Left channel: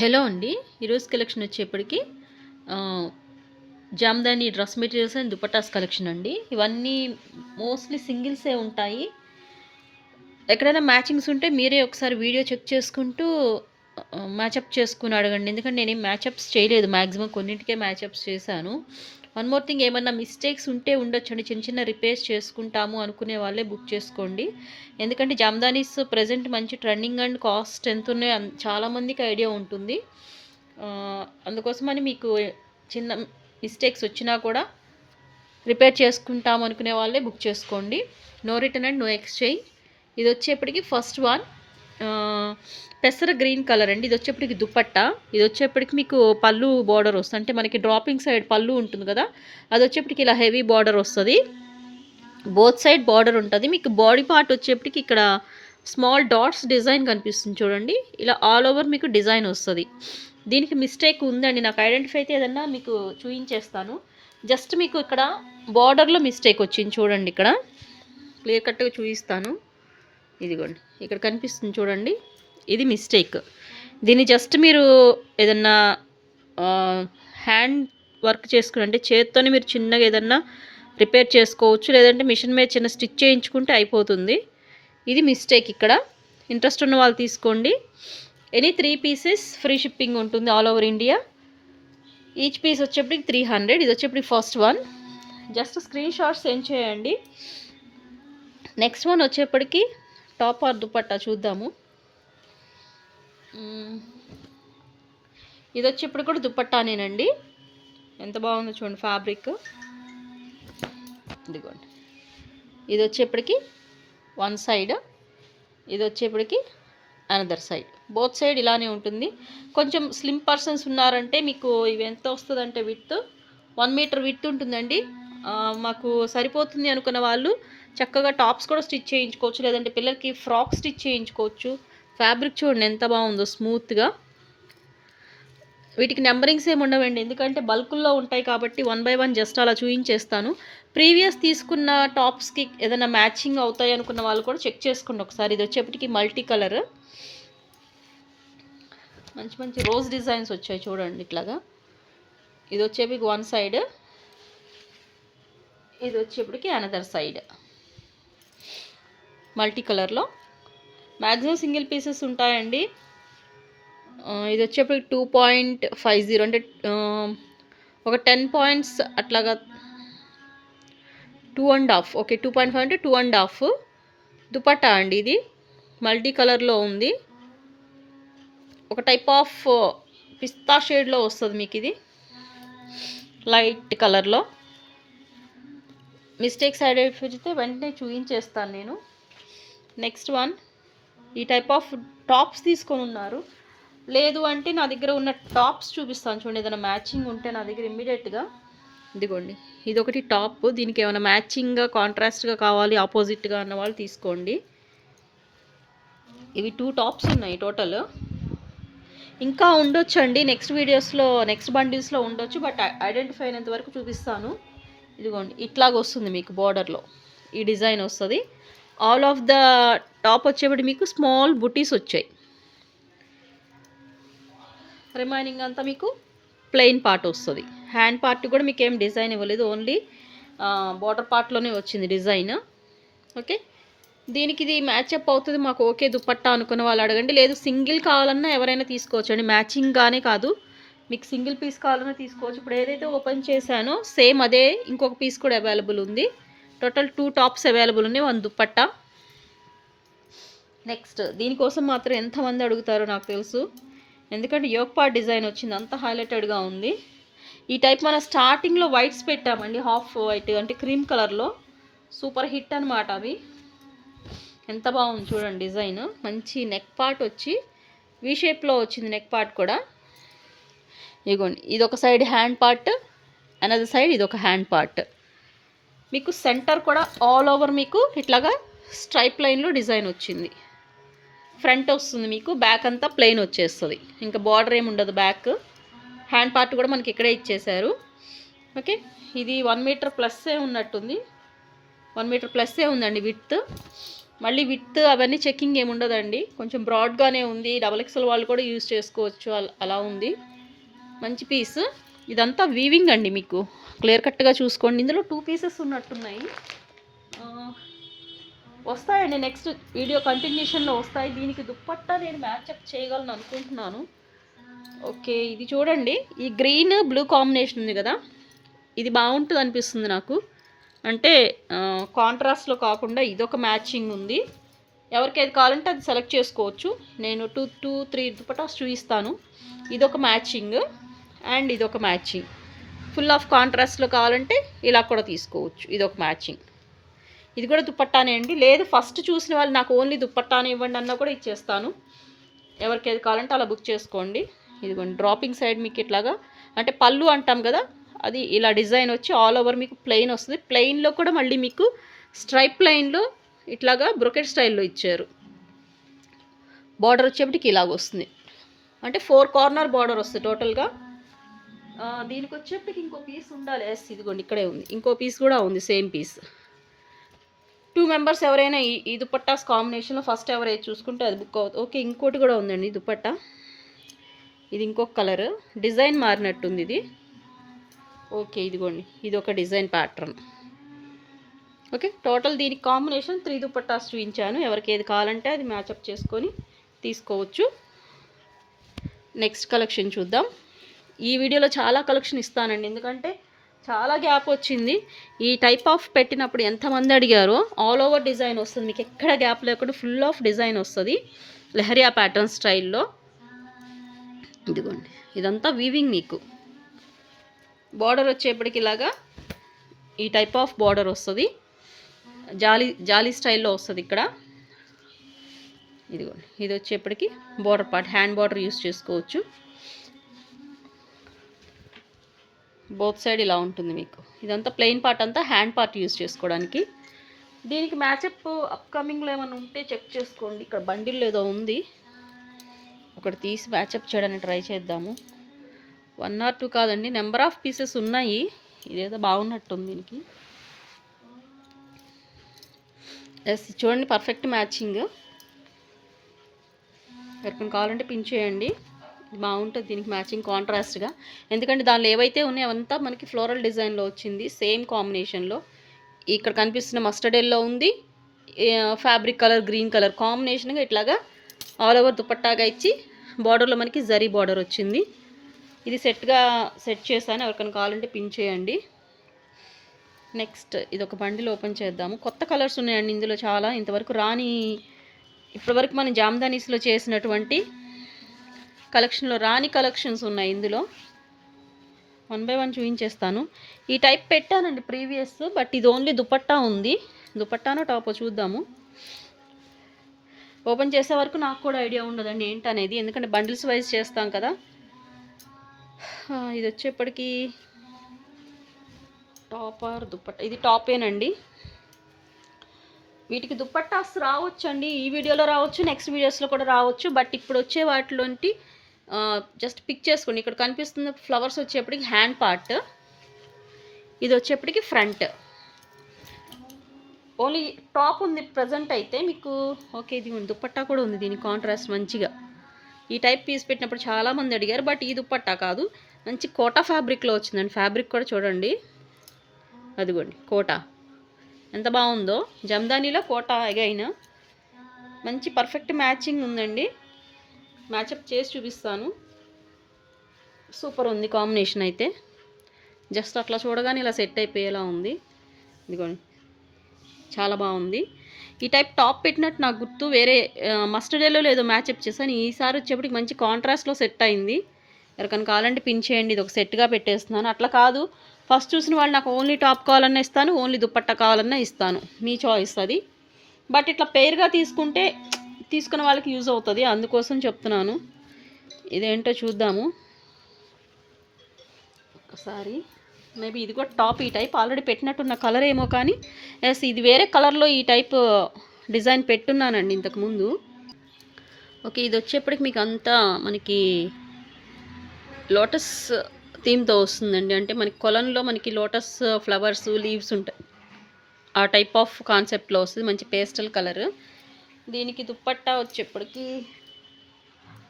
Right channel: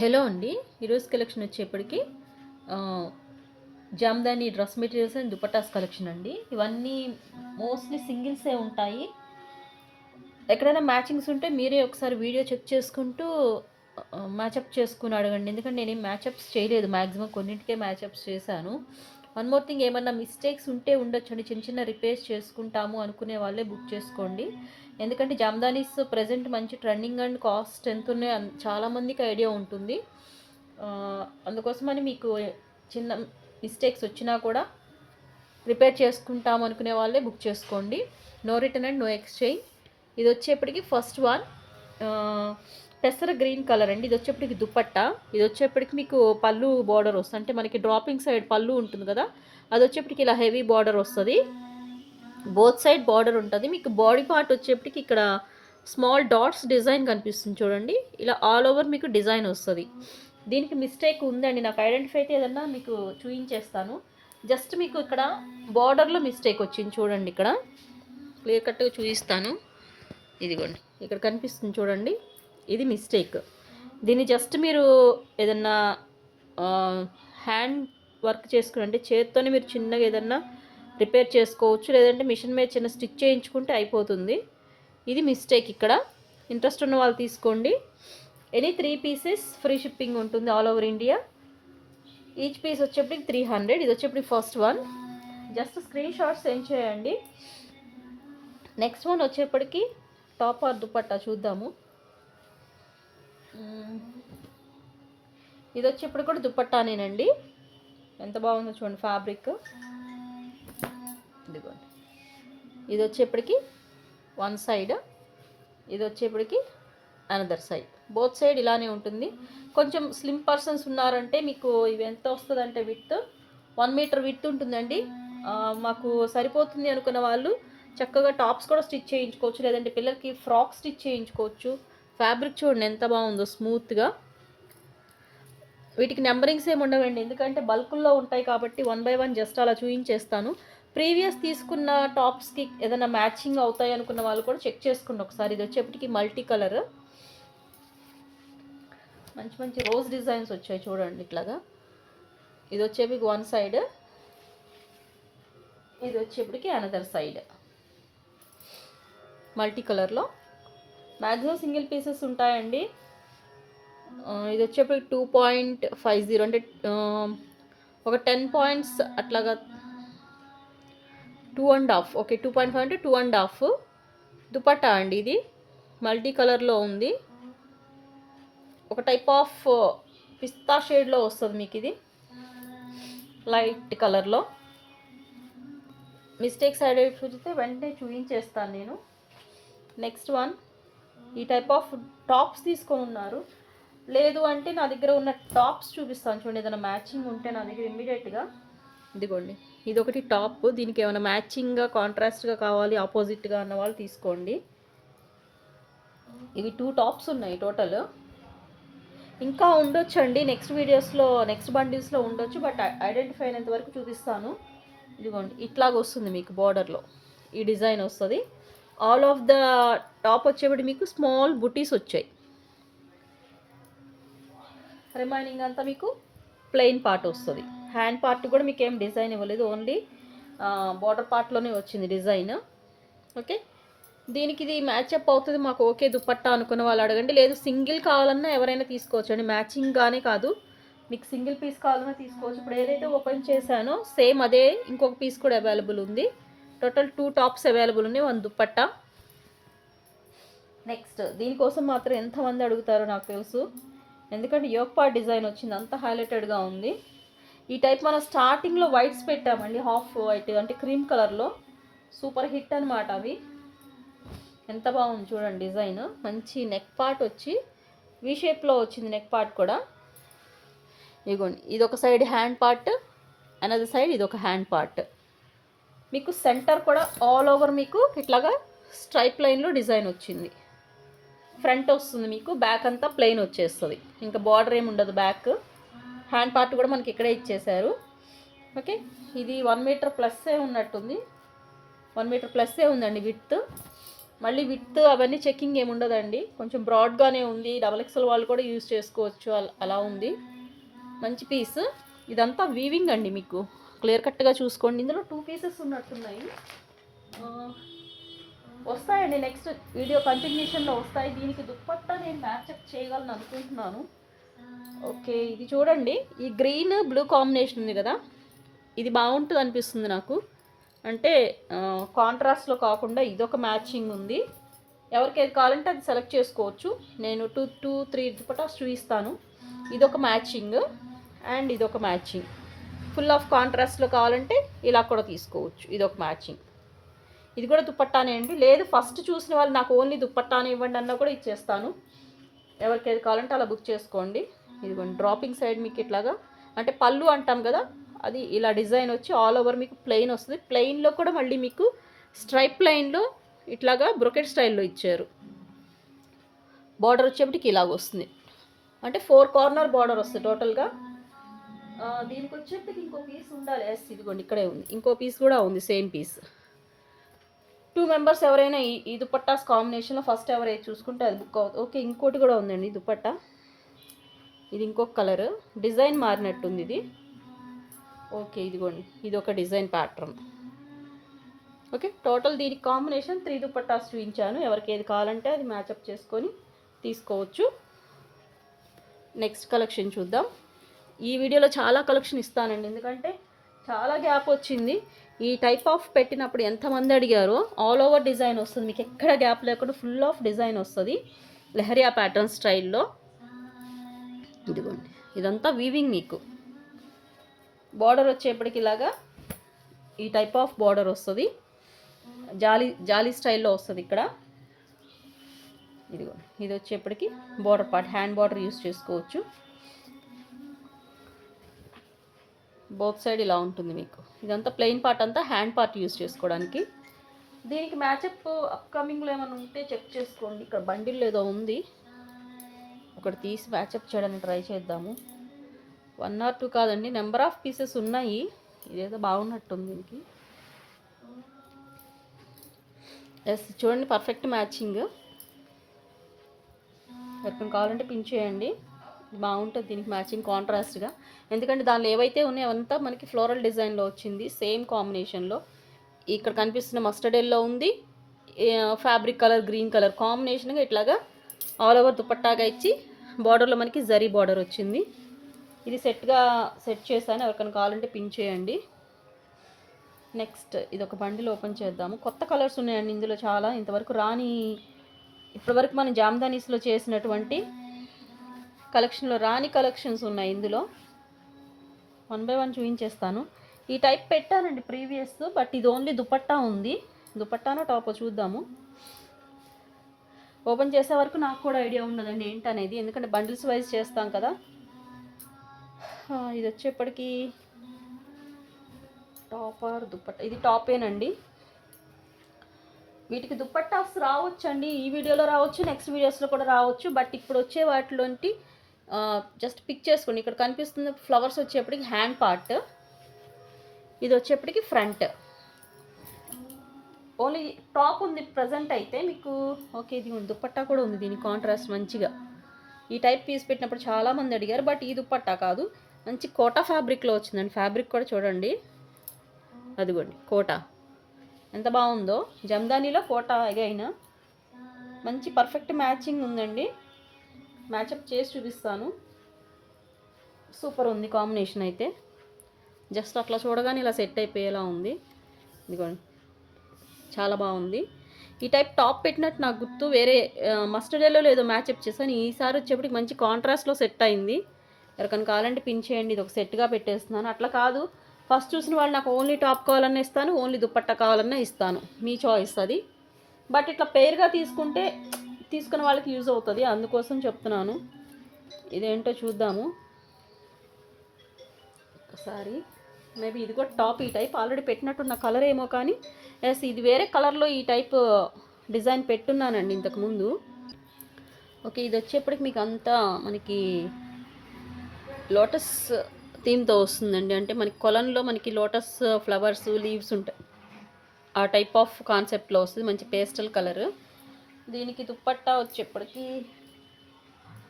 Hello అండి. ఈరోజు collection వచ్చేప్పటికి Jamdani dress materials and dupattas collection అండి. ఇవన్నీ మోస్ట్లీ సింగిల్సే ఉంటాయి. ఎక్కడైనా మ్యాచింగ్స్ ఉంటే మీరే ఒకసారి వీడియో చెక్ చేసుకుంటూ మ్యాచప్ చేసుకుని అడగండి. ఎందుకంటే నేనేం మ్యాచప్స్ చేయలేదు. మ్యాక్సిమం కొన్నింటికే మ్యాచప్స్ చేశాను. వన్ మోర్ థింగ్, ఏమన్నా మిస్టేక్స్ ఉంటే ఉండొచ్చండి. చిన్న చిన్న రిపేర్స్ చేసుకుంటాము అనుకునే వాళ్ళే బుక్ చేసుకోండి. ఎందుకంటే జామ్దానీస్ ప్రెజెంట్ మంచి ట్రెండింగ్ అండ్ కాస్ట్ ఎంత ఉన్నాయో చాలామందికి ఐడియా ఉంటుంది. అందుకోసమని మీకు చిన్న మిస్టేక్స్ వచ్చినా కూడా రిపేర్ చేసుకుంటాం అనుకునే వాళ్ళే బుక్ చేసుకోండి. No return and no exchange. ఇది వచ్చేప్పటికి ఫస్ట్ వన్ పెసర గ్రీన్ కలర్ అండి. ఇది వచ్చేప్పటికి దుపట్టా. ఇది వచ్చేప్పటికి మీకు పళ్ళు బార్డర్ వస్తుంది. అంటే మనకి డ్రాపింగ్ సైడ్ పళ్ళు ఉంటుంది కదా, అది వచ్చేప్పటికి ఇలా హెవీ బార్డర్ వస్తుంది. బోత్ సైడ్ బార్డర్ ఉంటుంది. మీకు బాడీ పార్ట్ వచ్చేప్పటికి ఇక్కడ స్మాల్ డాట్స్ డిజైన్ కనిపిస్తుంది చూడండి. ఇలా ఆల్ ఓవర్ మీకు డిజైన్ వస్తుంది. దీనికి మిస్టేక్ ఉందండి, నాకు ఐడెంటిఫై అయితే ఏదన్నా మీకు చూపించేస్తాను. జస్ట్ మీకు ఇక్కడ బార్డర్లో మిస్టేక్ వచ్చింది చూడండి. ఇక్కడ క్లియర్ కట్గా చూపిస్తాను. ఇదిగోండి, ఇక్కడ కనిపిస్తుంది చూడండి, ఇది మిస్టేక్. దీన్ని జస్ట్ మీరు ఏదన్నా హ్యాండ్ వర్క్ చేసుకుని, అంటే చేత్తోనే మీరు చిన్నగా ఏదన్నా రిపేర్ చేసుకోవచ్చు, లేదంటే మిషన్ మీద చిన్న స్టిచ్ చేయించుకుంటే అయిపోతుంది. ఇది మిస్టేక్ ఇక్కడ. ఇంట్రెస్ట్ ఉన్న వాళ్ళు తీసుకోండి. ఎనీ 3 పీసెస్ ఫ్రీ షిప్పింగ్ ఉంటుంది all over India. Each piece వచ్చేప్పటికి 300. ఇది వచ్చేప్పటికి first one. Just screenshot send చేయండి. నెక్స్ట్ వన్ వచ్చేప్పటికి టాప్ ఆర్ దుపట్టా చూద్దాము. ఇది వచ్చేప్పుడు కూడా దుపట్టానేనండి. ఎంత బాగుందో చూడండి ఫ్యాబ్రిక్. ఇదిగోండి, ఇది వచ్చేప్పటికి వన్ సైడ్, ఇది వచ్చేప్పటికి అనదర్ సైడ్. బోత్ సైడ్ ఇలానే ఉంటుంది. కొంచెం స్లిమ్ పర్సన్స్ ఉన్నారంటే మీకు ఇవి ఎంత వస్తుందంటే విత్ 1 మీటర్ విత్ ఉంటుందండి. మాకు సరిపోతుంది అనుకున్న వాళ్ళు చక్కగా టాప్స్ కూడా స్టిచ్ చేయించుకోవచ్చు, లేదంటే పిల్లలకి ఫ్రాక్ స్టిచ్ చేయించుకోవచ్చు. ఫ్యాబ్రిక్ చూడండి ఎంత బాగుందో, స్మూత్గా. వీటికి నెంబరింగ్స్ ఏమి ఉండవండి, ఎందుకంటే బల్కుల్లో ఉంటాయి కాబట్టి 1 బై 1 జస్ట్ అలా చూపించేస్తాను. ప్రీవియస్ తీసుకున్న టాప్స్కి ఏదైనా మ్యాచింగ్ అవుతాయి అనుకున్న వాళ్ళు కూడా చెక్ చేసుకోండి ఒకసారి. ఇది వచ్చేప్పటికి మల్టీ కలర్, మంచి మంచి రోజ్ డిజైన్స్ వచ్చాయి చూడండి ఇట్లాగా. ఇది వచ్చేప్పటికి వన్ సైడ్, ఇది వచ్చేప్పటికి అనదర్ సైడ్. మల్టీ కలర్లో మ్యాక్సిమం సింగిల్ పీసెస్ ఉంటాయండి. ఇది వచ్చేప్పటికి 2.50, అంటే ఒక 10 పాయింట్స్ అట్లాగా, 2.5. ఓకే, 2.5 అంటే 2.5 దుపట్టా అండి. ఇది మల్టీ కలర్లో ఉంది. ఒక టైప్ ఆఫ్ పిస్తా షేడ్లో వస్తుంది మీకు. ఇది లైట్ కలర్లో. మిస్టేక్స్ ఐడెంటిఫై అయితే వెంటనే చూపించేస్తాను నేను. నెక్స్ట్ వన్, ఈ టైప్ ఆఫ్ టాప్స్ తీసుకొని ఉన్నారు. లేదు అంటే నా దగ్గర ఉన్న టాప్స్ చూపిస్తాను చూడండి. ఏదైనా మ్యాచింగ్ ఉంటే నా దగ్గర ఇమ్మీడియట్గా. ఇదిగోండి, ఇది ఒకటి టాప్. దీనికి ఏమైనా మ్యాచింగ్గా కాంట్రాస్ట్గా కావాలి, ఆపోజిట్గా అన్న వాళ్ళు తీసుకోండి. ఇవి 2 టాప్స్ ఉన్నాయి టోటల్. ఇంకా ఉండొచ్చండి నెక్స్ట్ వీడియోస్లో, నెక్స్ట్ బండిల్స్లో ఉండొచ్చు, బట్ ఐడెంటిఫై అయినంత వరకు చూపిస్తాను. ఇదిగోండి, ఇట్లాగ వస్తుంది మీకు బార్డర్లో ఈ డిజైన్ వస్తుంది. ఆల్ ఆఫ్ ద టాప్ వచ్చేప్పటి మీకు స్మాల్ బుటీస్ వచ్చాయి. రిమైనింగ్ అంతా మీకు ప్లెయిన్ పార్ట్ వస్తుంది. హ్యాండ్ పార్ట్ కూడా మీకు ఏం డిజైన్ ఇవ్వలేదు, ఓన్లీ బార్డర్ పార్ట్లోనే వచ్చింది డిజైన్. ఓకే, దీనికి ఇది మ్యాచప్ అవుతుంది మాకు, ఓకే దుపట్టా అనుకున్న వాళ్ళు అడగండి. లేదు సింగిల్ కావాలన్నా ఎవరైనా తీసుకోవచ్చు అండి, మ్యాచింగ్గానే కాదు, మీకు సింగిల్ పీస్ కావాలన్నా తీసుకోవచ్చు. ఇప్పుడు ఏదైతే ఓపెన్ చేశానో సేమ్ అదే ఇంకొక పీస్ కూడా అవైలబుల్ ఉంది. టోటల్ 2 టాప్స్ అవైలబుల్ ఉన్నాయి, 1 దుపట్టా. నెక్స్ట్, దీనికోసం మాత్రం ఎంతమంది అడుగుతారో నాకు తెలుసు, ఎందుకంటే యోక్ పార్ట్ డిజైన్ వచ్చింది, అంత హైలైటెడ్గా ఉంది. ఈ టైప్ మనం స్టార్టింగ్లో వైట్స్ పెట్టామండి, హాఫ్ వైట్ అంటే క్రీమ్ కలర్లో. సూపర్ హిట్ అనమాట అవి. ఎంత బాగుంది చూడండి డిజైన్. మంచి నెక్ పార్ట్ వచ్చి వీ షేప్లో వచ్చింది నెక్ పార్ట్ కూడా. ఇదిగోండి, ఇది ఒక side hand part, another side ఇది ఒక హ్యాండ్ పార్ట్. మీకు సెంటర్ కూడా ఆల్ ఓవర్ మీకు ఇట్లాగా స్ట్రైప్ లైన్లో డిజైన్ వచ్చింది. ఫ్రంట్ వస్తుంది మీకు, బ్యాక్ అంతా ప్లెయిన్ వచ్చేస్తుంది, ఇంకా బార్డర్ ఏమి ఉండదు. బ్యాక్ హ్యాండ్ పార్ట్ కూడా మనకి ఇక్కడే ఇచ్చేశారు. ఓకే, ఇది 1 మీటర్ ప్లస్సే ఉన్నట్టుంది, 1 మీటర్ ప్లస్సే ఉందండి విత్. మళ్ళీ విత్ అవన్నీ చెక్కింగ్ ఏమి ఉండదండి, కొంచెం బ్రాడ్గానే ఉంది. డబల్ ఎక్స్ఎల్ వాళ్ళు కూడా యూజ్ చేసుకోవచ్చు, అలా ఉంది. మంచి పీస్. ఇదంతా వీవింగ్ అండి, మీకు క్లియర్ కట్గా చూసుకోండి. ఇందులో 2 పీసెస్ ఉన్నట్టున్నాయి. వస్తాయండి, నెక్స్ట్ వీడియో కంటిన్యూషన్లో వస్తాయి. దీనికి దుప్పట్టా నేను మ్యాచప్ చేయగలను అనుకుంటున్నాను. ఓకే, ఇది చూడండి, ఈ గ్రీన్ బ్లూ కాంబినేషన్ ఉంది కదా, ఇది బాగుంటుంది అనిపిస్తుంది నాకు. అంటే కాంట్రాస్ట్లో కాకుండా ఇదొక మ్యాచింగ్ ఉంది. ఎవరికి ఏది కావాలంటే అది సెలెక్ట్ చేసుకోవచ్చు. నేను 2-3 దుపట్టాస్ చూపిస్తాను. ఇదొక మ్యాచింగ్ అండ్ ఇదొక మ్యాచింగ్. ఫుల్ ఆఫ్ కాంట్రాస్ట్లో కావాలంటే ఇలా కూడా తీసుకోవచ్చు. ఇదొక మ్యాచింగ్. ఇది కూడా దుపట్టానే అండి. లేదు ఫస్ట్ చూసిన వాళ్ళు నాకు ఓన్లీ దుపట్టానే ఇవ్వండి అన్నా కూడా ఇచ్చేస్తాను. ఎవరికి ఏది కావాలంటే అలా బుక్ చేసుకోండి. ఇదిగోండి, డ్రాపింగ్ సైడ్ మీకు ఇట్లాగా అంటే పళ్ళు అంటాం కదా, అది ఇలా డిజైన్ వచ్చి ఆల్ ఓవర్ మీకు ప్లెయిన్ వస్తుంది. ప్లెయిన్లో కూడా మళ్ళీ మీకు స్ట్రైప్ లైన్లో ఇట్లాగా బ్రొకెట్ స్టైల్లో ఇచ్చారు. బార్డర్ వచ్చేప్పటికి ఇలాగ వస్తుంది, అంటే 4 కార్నర్ బార్డర్ వస్తుంది టోటల్గా. దీనికి వచ్చేప్పటికి ఇంకో పీస్ ఉండాలి. ఇదిగోండి ఇక్కడే ఉంది, ఇంకో పీస్ కూడా ఉంది, సేమ్ పీస్. 2 మెంబర్స్ ఎవరైనా ఈ దుపట్టాస్ కాంబినేషన్లో ఫస్ట్ ఎవరైతే చూసుకుంటే అది బుక్ అవుతుంది. ఓకే, ఇంకోటి కూడా ఉందండి దుపట్టా. ఇది ఇంకొక కలర్, డిజైన్ మారినట్టుంది ఇది. ఓకే, ఇదిగోండి, ఇది ఒక డిజైన్ ప్యాటర్న్. ఓకే, టోటల్ దీనికి కాంబినేషన్ 3 దుపట్టాస్ చూపించాను. ఎవరికి ఏది కావాలంటే అది మ్యాచప్ చేసుకొని తీసుకోవచ్చు. నెక్స్ట్ కలెక్షన్ చూద్దాం. ఈ వీడియోలో చాలా కలెక్షన్ ఇస్తానండి, ఎందుకంటే చాలా గ్యాప్ వచ్చింది. ఈ టైప్ ఆఫ్ పెట్టినప్పుడు ఎంతమంది అడిగారో. ఆల్ ఓవర్ డిజైన్ వస్తుంది, మీకు ఎక్కడ గ్యాప్ లేకుండా ఫుల్ ఆఫ్ డిజైన్ వస్తుంది లెహరియా ప్యాటర్న్ స్టైల్లో. ఇదిగోండి, ఇదంతా వీవింగ్. మీకు బార్డర్ వచ్చేప్పటికి ఇలాగా ఈ టైప్ ఆఫ్ బార్డర్ వస్తుంది, జాలీ స్టైల్లో వస్తుంది ఇక్కడ. ఇదిగోండి, ఇది వచ్చేప్పటికి border part, hand border use చేసుకోవచ్చు. బోత్ సైడ్ ఇలా ఉంటుంది మీకు. ఇదంతా ప్లెయిన్ పార్ట్ అంతా హ్యాండ్ పార్ట్ యూస్ చేసుకోవడానికి. దీనికి మ్యాచప్ అప్కమింగ్లో ఏమైనా ఉంటే చెక్ చేసుకోండి. ఇక్కడ బండిల్ ఏదో ఉంది, ఒకటి తీసి మ్యాచప్ చేయడానికి ట్రై చేద్దాము. 1 or 2 కాదండి, నెంబర్ ఆఫ్ పీసెస్ ఉన్నాయి. ఇదేదో బాగున్నట్టుంది దీనికి. చూడండి, పర్ఫెక్ట్ మ్యాచింగ్. ఎవరికైనా కావాలంటే పిన్ చేయండి, బాగుంటుంది దీనికి మ్యాచింగ్ కాంట్రాస్ట్గా. ఎందుకంటే దానిలో ఏవైతే ఉన్నాయో అవంతా మనకి ఫ్లోరల్ డిజైన్లో వచ్చింది, సేమ్ కాంబినేషన్లో. ఇక్కడ కనిపిస్తున్న మస్టర్డ్ ఎల్లో ఉంది, ఫ్యాబ్రిక్ కలర్ గ్రీన్ కలర్ కాంబినేషన్గా ఇట్లాగా ఆల్ ఓవర్ దుపట్టాగా ఇచ్చి బార్డర్లో మనకి జరీ బార్డర్ వచ్చింది. ఇది సెట్ చేశాను, ఎవరికైనా కావాలంటే పిన్ చేయండి. నెక్స్ట్ ఇది ఒక బండిల్ ఓపెన్ చేద్దాము. కొత్త కలర్స్ ఉన్నాయండి ఇందులో చాలా, ఇంతవరకు రాని, ఇప్పటివరకు మనం జామ్దానీస్లో చేసినటువంటి కలెక్షన్లో రాని కలెక్షన్స్ ఉన్నాయి ఇందులో. 1 by 1 చూపించేస్తాను. ఈ టైప్ పెట్టానండి ప్రీవియస్, బట్ ఇది ఓన్లీ దుపట్టా ఉంది. దుపట్టానో టాపో చూద్దాము. ఓపెన్ చేసే వరకు నాకు కూడా ఐడియా ఉండదండి ఏంటనేది, ఎందుకంటే బండిల్స్ వైజ్ చేస్తాం కదా. ఇది వచ్చేప్పటికి టాప్ ఆర్ దుపట్టా, ఇది టాపేనండి. వీటికి దుపట్టాస్ రావచ్చండి, ఈ వీడియోలో రావచ్చు, నెక్స్ట్ వీడియోస్లో కూడా రావచ్చు. బట్ ఇప్పుడు వచ్చే వాటిలోంటి జస్ట్ పిక్ చేసుకోండి. ఇక్కడ కనిపిస్తున్న ఫ్లవర్స్ వచ్చేప్పటికి హ్యాండ్ పార్ట్, ఇది వచ్చేప్పటికి ఫ్రంట్. ఓన్లీ టాప్ ఉంది ప్రజెంట్ అయితే మీకు. ఓకే, ఇది దుపట్టా కూడా ఉంది, దీని కాంట్రాస్ట్ మంచిగా. ఈ టైప్ పీస్ పెట్టినప్పుడు చాలామంది అడిగారు, బట్ ఈ దుపట్టా కాదు, మంచి కోటా ఫ్యాబ్రిక్లో వచ్చిందండి. ఫ్యాబ్రిక్ కూడా చూడండి, అదిగోండి కోటా ఎంత బాగుందో. జమ్దానీలో కోటా అగైన్ మంచి పర్ఫెక్ట్ మ్యాచింగ్ ఉందండి. మ్యాచప్ చేసి చూపిస్తాను. సూపర్ ఉంది కాంబినేషన్ అయితే. జస్ట్ అట్లా చూడగానే ఇలా సెట్ అయిపోయేలా ఉంది. ఇదిగోండి, చాలా బాగుంది. ఈ టైప్ టాప్ పెట్టినట్టు నాకు గుర్తు, వేరే మస్టర్డ్ ఎల్లో లేదో మ్యాచప్ చేశాను. ఈసారి వచ్చేప్పటికి మంచి కాంట్రాస్ట్లో సెట్ అయింది. ఎవరికైనా కావాలంటే పిన్ చేయండి, ఇది ఒక సెట్గా పెట్టేస్తున్నాను. అట్లా కాదు, ఫస్ట్ చూసిన వాళ్ళు నాకు ఓన్లీ టాప్ కావాలన్నా ఇస్తాను, ఓన్లీ దుపట్టా కావాలన్నా ఇస్తాను, మీ చాయిస్ అది. బట్ ఇట్లా పెయిర్గా తీసుకున్న వాళ్ళకి యూజ్ అవుతుంది, అందుకోసం చెప్తున్నాను. ఇదేంటో చూద్దాము ఒకసారి. మేబీ ఇది కూడా టాప్, ఈ టైప్ ఆల్రెడీ పెట్టినట్టున్న కలర్ ఏమో, కానీ ఎస్ ఇది వేరే కలర్లో ఈ టైప్ డిజైన్ పెట్టున్నానండి ఇంతకుముందు. ఓకే, ఇది వచ్చేప్పటికి మీకు అంతా మనకి లోటస్ థీమ్తో వస్తుందండి. అంటే మనకి కొలంలో మనకి లోటస్ ఫ్లవర్స్ లీవ్స్ ఉంటాయి, ఆ టైప్ ఆఫ్ కాన్సెప్ట్లో వస్తుంది. మంచి పేస్టల్ కలర్, దీనికి దుప్పట్టా వచ్చేప్పటికి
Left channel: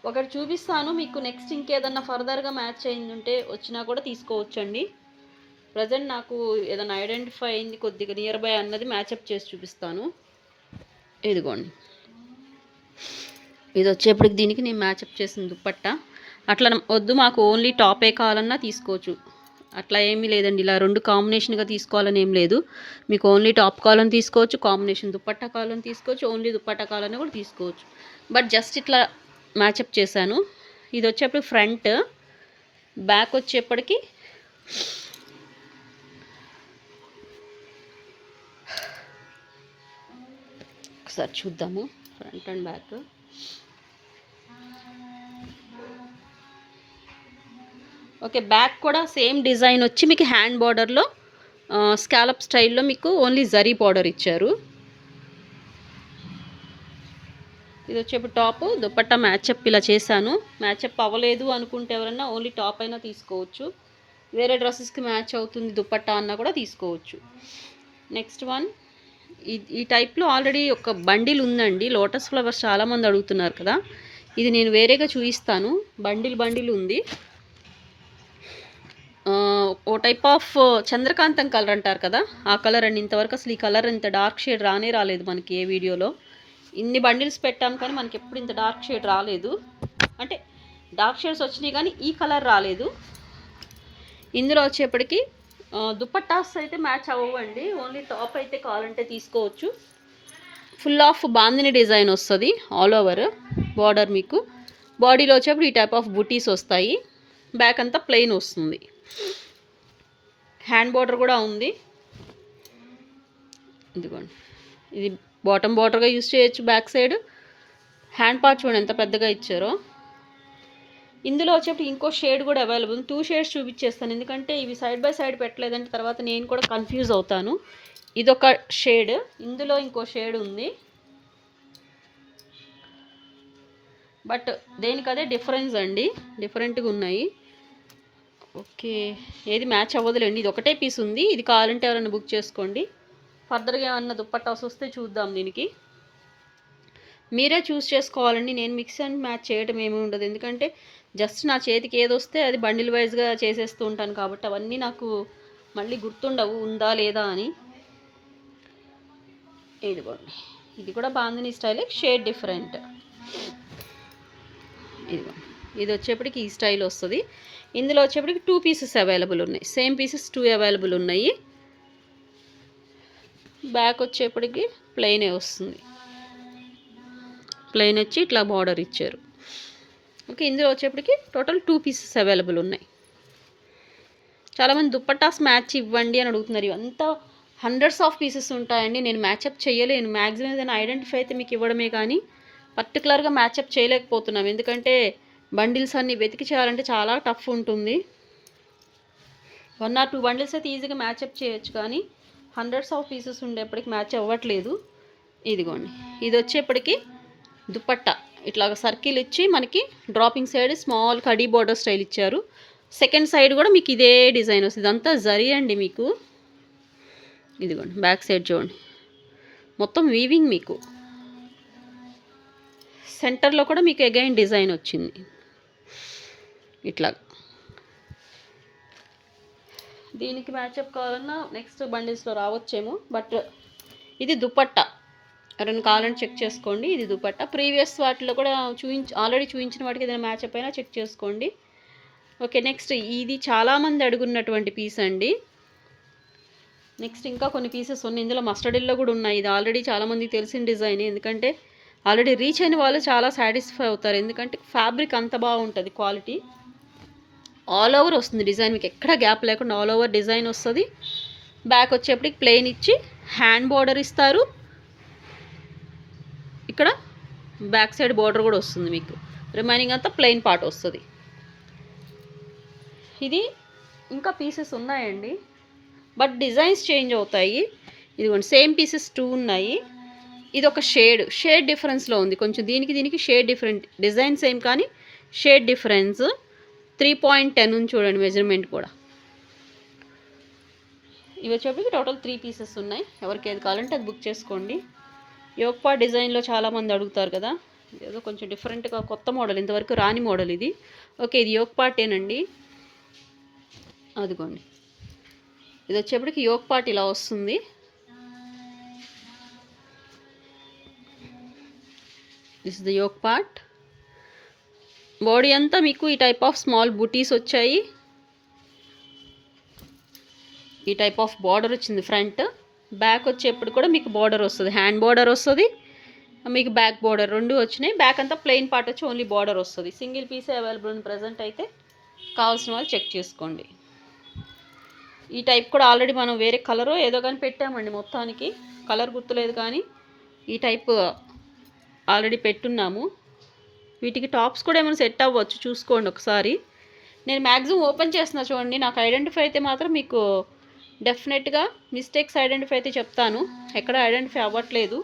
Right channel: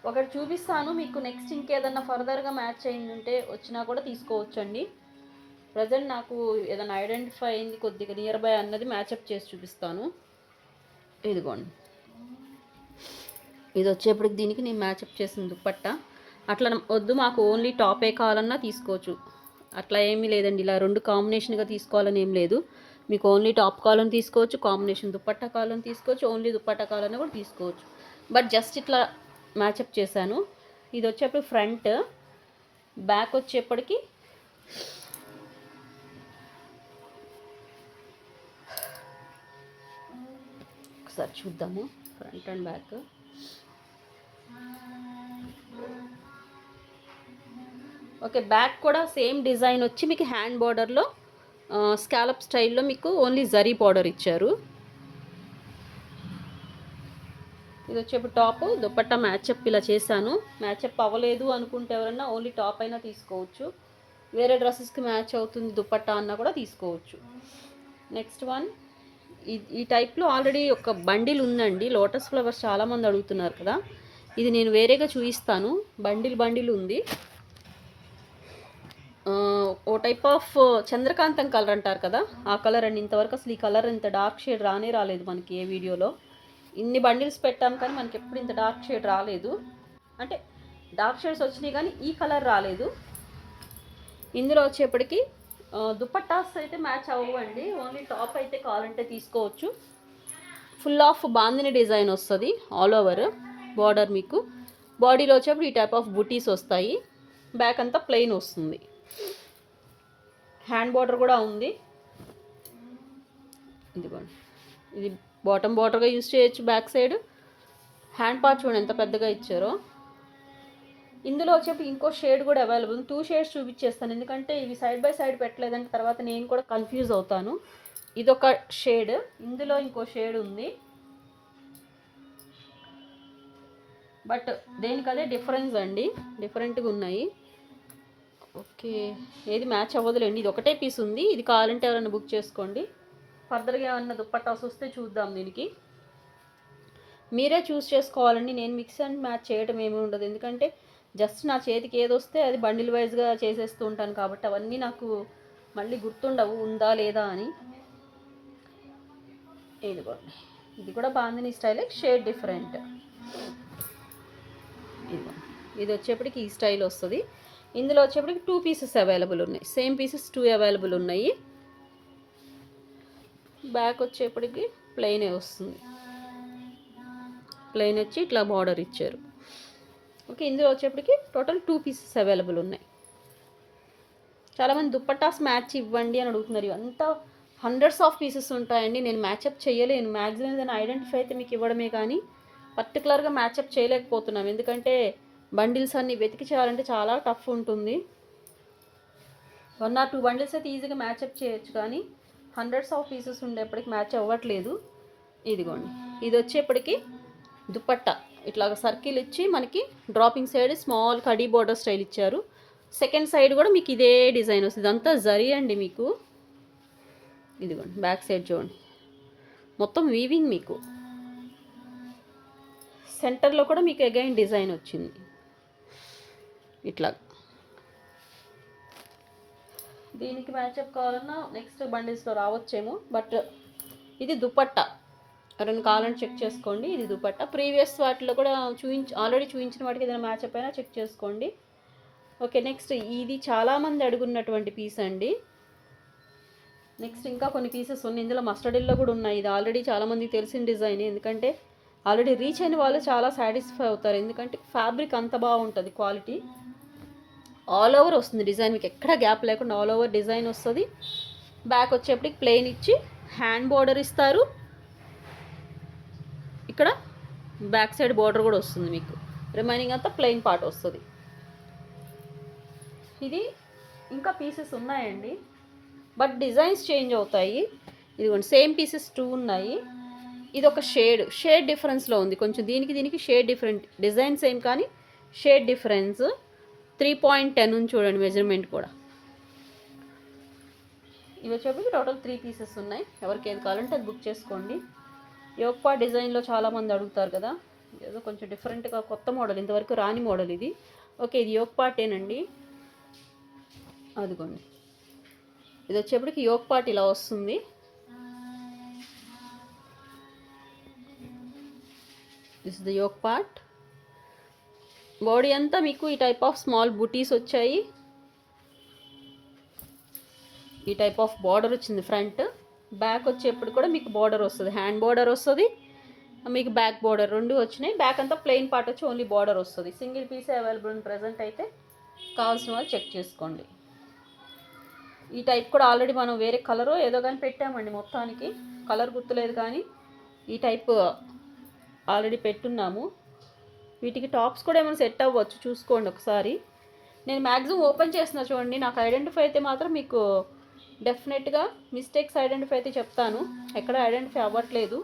ఒకటి చూపిస్తాను మీకు. నెక్స్ట్ ఇంకేదన్నా ఫర్దర్గా మ్యాచ్ అయింది ఉంటే వచ్చినా కూడా తీసుకోవచ్చండి. ప్రజెంట్ నాకు ఏదైనా ఐడెంటిఫై అయింది కొద్దిగా నియర్ బై అన్నది మ్యాచప్ చేసి చూపిస్తాను. ఇదిగోండి, ఇది వచ్చేప్పటికి దీనికి నేను మ్యాచప్ చేసిన దుప్పట్టా. అట్లా వద్దు మాకు ఓన్లీ టాపే కావాలన్నా తీసుకోవచ్చు, అట్లా ఏమీ లేదండి. ఇలా రెండు కాంబినేషన్గా తీసుకోవాలని ఏం లేదు. మీకు ఓన్లీ టాప్ కావాలని తీసుకోవచ్చు, కాంబినేషన్ దుప్పట్టా కావాలని తీసుకోవచ్చు, ఓన్లీ దుప్పట్టా కావాలని కూడా తీసుకోవచ్చు. బట్ జస్ట్ ఇట్లా మ్యాచప్ చేశాను. ఇది వచ్చేప్పుడు ఫ్రంట్, బ్యాక్ వచ్చేప్పటికి ఒకసారి చూద్దాము front and back. Okay, back కూడా సేమ్ డిజైన్ వచ్చి మీకు హ్యాండ్ బార్డర్లో స్కాలప్ స్టైల్లో మీకు ఓన్లీ జరీ బార్డర్ ఇచ్చారు. ఇది వచ్చేప్పుడు టాప్, దుపట్టా మ్యాచప్ ఇలా చేశాను. మ్యాచప్ అవ్వలేదు అనుకుంటే ఎవరన్నా ఓన్లీ టాప్ అయినా తీసుకోవచ్చు, వేరే డ్రెస్సెస్కి మ్యాచ్ అవుతుంది దుపట్టా అన్నా కూడా తీసుకోవచ్చు. నెక్స్ట్ వన్, ఈ టైప్లో ఆల్రెడీ ఒక బండిల్ ఉందండి. లోటస్ ఫ్లవర్స్ చాలామంది అడుగుతున్నారు కదా, ఇది నేను వేరేగా చూపిస్తాను. బండిల్ ఉంది. ఓ టైప్ ఆఫ్ చంద్రకాంతం కలర్ అంటారు కదా, ఆ కలర్ అండి. ఇంతవరకు అసలు ఈ కలర్ ఇంత డార్క్ షేడ్ రాలేదు మనకి ఏ వీడియోలో. ఇన్ని బండిల్స్ పెట్టాం కానీ మనకి ఎప్పుడు ఇంత డార్క్ షేడ్ రాలేదు. అంటే డార్క్ షేడ్స్ వచ్చినాయి కానీ ఈ కలర్ రాలేదు. ఇందులో వచ్చేప్పటికి దుపట్టాస్ అయితే మ్యాచ్ అవ్వండి, ఓన్లీ టాప్ అయితే కావాలంటే తీసుకోవచ్చు. ఫుల్ ఆఫ్ బాందిని డిజైన్ వస్తుంది ఆల్ ఓవర్ బార్డర్. మీకు బాడీలో వచ్చేప్పుడు ఈ టైప్ ఆఫ్ బుటీస్ వస్తాయి. బ్యాక్ అంతా ప్లెయిన్ వస్తుంది. హ్యాండ్ బార్డర్ కూడా ఉంది. ఇదిగోండి, ఇది బాటమ్ బార్డర్గా యూజ్ చేయొచ్చు. బ్యాక్ సైడ్ హ్యాండ్ పార్ట్ చూడండి ఎంత పెద్దగా ఇచ్చారో. ఇందులో వచ్చేప్పుడు ఇంకో షేడ్ కూడా అవైలబుల్. 2 షేడ్స్ చూపించేస్తాను, ఎందుకంటే ఇవి సైడ్ బై సైడ్ పెట్టలేదంటే తర్వాత నేను కూడా కన్ఫ్యూజ్ అవుతాను. ఇదొక షేడ్, ఇందులో ఇంకో షేడ్ ఉంది. బట్ దేనికదే డిఫరెన్స్ అండి, డిఫరెంట్గా ఉన్నాయి. ఓకే, ఏది మ్యాచ్ అవ్వదులేండి. ఇది ఒకటే పీస్ ఉంది, ఇది కావాలంటే ఎవరైనా బుక్ చేసుకోండి. ఫర్దర్గా ఏమన్నా దుప్పట్టాస్ వస్తే చూద్దాం. దీనికి మీరే చూస్ చేసుకోవాలండి. నేను మిక్స్ అండ్ మ్యాచ్ చేయడం ఏమీ ఉండదు, ఎందుకంటే జస్ట్ నా చేతికి ఏది వస్తే అది బండిల్ వైజ్గా చేసేస్తూ ఉంటాను కాబట్టి అవన్నీ నాకు మళ్ళీ గుర్తుండవు ఉందా లేదా అని. ఇదిగోండి, ఇది కూడా బాందిని స్టైల్, షేడ్ డిఫరెంట్. ఇదిగోండి, ఇది వచ్చేప్పటికి ఈ స్టైల్ వస్తుంది. ఇందులో వచ్చేప్పటికి 2 పీసెస్ అవైలబుల్ ఉన్నాయి, సేమ్ పీసెస్ 2 అవైలబుల్ ఉన్నాయి. బ్యాక్ వచ్చేప్పటికి ప్లెయినే వస్తుంది, ప్లెయిన్ వచ్చి ఇట్లా బార్డర్ ఇచ్చారు. ఓకే, ఇందులో వచ్చేప్పటికి టోటల్ 2 పీసెస్ అవైలబుల్ ఉన్నాయి. చాలామంది దుప్పట్టాస్ మ్యాచ్ ఇవ్వండి అని అడుగుతున్నారు. ఇవంతా హండ్రెడ్స్ ఆఫ్ పీసెస్ ఉంటాయండి, నేను మ్యాచప్ చేయలేను. మ్యాక్సిమం ఏదైనా ఐడెంటిఫై అయితే మీకు ఇవ్వడమే కానీ పర్టికులర్గా మ్యాచప్ చేయలేకపోతున్నాం, ఎందుకంటే బండిల్స్ అన్నీ వెతికి చేయాలంటే చాలా టఫ్ ఉంటుంది. 1 or 2 బండిల్స్ అయితే ఈజీగా మ్యాచప్ చేయొచ్చు, కానీ హండ్రెడ్స్ ఆఫ్ పీసెస్ ఉండేప్పటికి మ్యాచ్ అవ్వట్లేదు. ఇదిగోండి, ఇది వచ్చేప్పటికి దుపట్టా ఇట్లా సర్కిల్ ఇచ్చి మనకి dropping side small khadi border style ఇచ్చారు. సెకండ్ సైడ్ కూడా మీకు ఇదే డిజైన్ వస్తుంది, అంతా జరీ అండి మీకు. ఇదిగోండి, బ్యాక్ సైడ్ చూడండి మొత్తం వీవింగ్. మీకు సెంటర్లో కూడా మీకు అగైన్ డిజైన్ వచ్చింది ఇట్లా. దీనికి మ్యాచప్ కావాలన్నా నెక్స్ట్ బండిల్స్లో రావచ్చేమో. బట్ ఇది దుపట్టా, ఎవరైనా కావాలని చెక్ చేసుకోండి. ఇది దుపట్టా. ప్రీవియస్ వాటిలో కూడా ఆల్రెడీ చూపించిన వాటికి ఏదైనా మ్యాచప్ అయినా చెక్ చేసుకోండి. ఓకే, నెక్స్ట్ ఇది చాలామంది అడుగున్నటువంటి పీస్ అండి. నెక్స్ట్ ఇంకా కొన్ని పీసెస్ ఉన్నాయి, ఇందులో మస్టర్డ్ ఎల్లో కూడా ఉన్నాయి. ఇది ఆల్రెడీ చాలామందికి తెలిసిన డిజైన్, ఎందుకంటే ఆల్రెడీ రీచ్ అయిన వాళ్ళు చాలా సాటిస్ఫై అవుతారు, ఎందుకంటే ఫ్యాబ్రిక్ అంత బాగుంటుంది, క్వాలిటీ. ఆల్ ఓవర్ వస్తుంది డిజైన్, మీకు ఎక్కడ గ్యాప్ లేకుండా ఆల్ ఓవర్ డిజైన్ వస్తుంది. బ్యాక్ వచ్చేప్పటికి ప్లెయిన్ ఇచ్చి హ్యాండ్ బార్డర్ ఇస్తారు. ఇక్కడ బ్యాక్ సైడ్ బార్డర్ కూడా వస్తుంది మీకు, రిమైనింగ్ అంతా ప్లెయిన్ పార్ట్ వస్తుంది. ఇది ఇంకా పీసెస్ ఉన్నాయండి, బట్ డిజైన్స్ చేంజ్ అవుతాయి. ఇదిగోండి, సేమ్ పీసెస్ 2 ఉన్నాయి. ఇది ఒక షేడ్ డిఫరెన్స్లో ఉంది కొంచెం, దీనికి షేడ్ డిఫరెంట్, డిజైన్ సేమ్ కానీ షేడ్ డిఫరెన్స్. 3.10 ఉంది చూడండి మెజర్మెంట్ కూడా. ఇవి వచ్చేప్పటికి టోటల్ 3 పీసెస్ ఉన్నాయి, ఎవరికి ఏది కావాలంటే అది బుక్ చేసుకోండి. యోగ్ పార్ట్ డిజైన్లో చాలామంది అడుగుతారు కదా, ఏదో కొంచెం డిఫరెంట్గా కొత్త మోడల్, ఇంతవరకు రాని మోడల్ ఇది. ఓకే, ఇది యోగ్ పార్టేనండి. అదిగోండి, ఇది వచ్చేప్పటికి యోగ్ పార్ట్ ఇలా వస్తుంది. This is the yoke part. Body అంతా మీకు ఈ టైప్ ఆఫ్ స్మాల్ బుటీస్ వచ్చాయి. ఈ టైప్ ఆఫ్ బార్డర్ వచ్చింది ఫ్రంట్. బ్యాక్ వచ్చేప్పుడు కూడా మీకు బార్డర్ వస్తుంది, హ్యాండ్ బార్డర్ వస్తుంది, మీకు బ్యాక్ బార్డర్ రెండు వచ్చినాయి. బ్యాక్ అంతా ప్లెయిన్ పార్ట్ వచ్చి ఓన్లీ బార్డర్ వస్తుంది. సింగిల్ పీసే అవైలబుల్ ఉంది ప్రజెంట్ అయితే. కావాల్సిన వాళ్ళు చెక్ చేసుకోండి. ఈ టైప్ కూడా ఆల్రెడీ మనం వేరే కలరు ఏదో కానీ పెట్టామండి, మొత్తానికి కలర్ గుర్తులేదు కానీ ఈ టైప్ ఆల్రెడీ పెట్టున్నాము. వీటికి టాప్స్ కూడా ఏమైనా సెట్ అవ్వచ్చు, చూసుకోండి ఒకసారి. నేను మ్యాక్సిమం ఓపెన్ చేస్తున్నా చూడండి, నాకు ఐడెంటిఫై అయితే మాత్రం మీకు డెఫినెట్గా మిస్టేక్స్ ఐడెంటిఫై అయితే చెప్తాను, ఎక్కడ ఐడెంటిఫై అవ్వట్లేదు.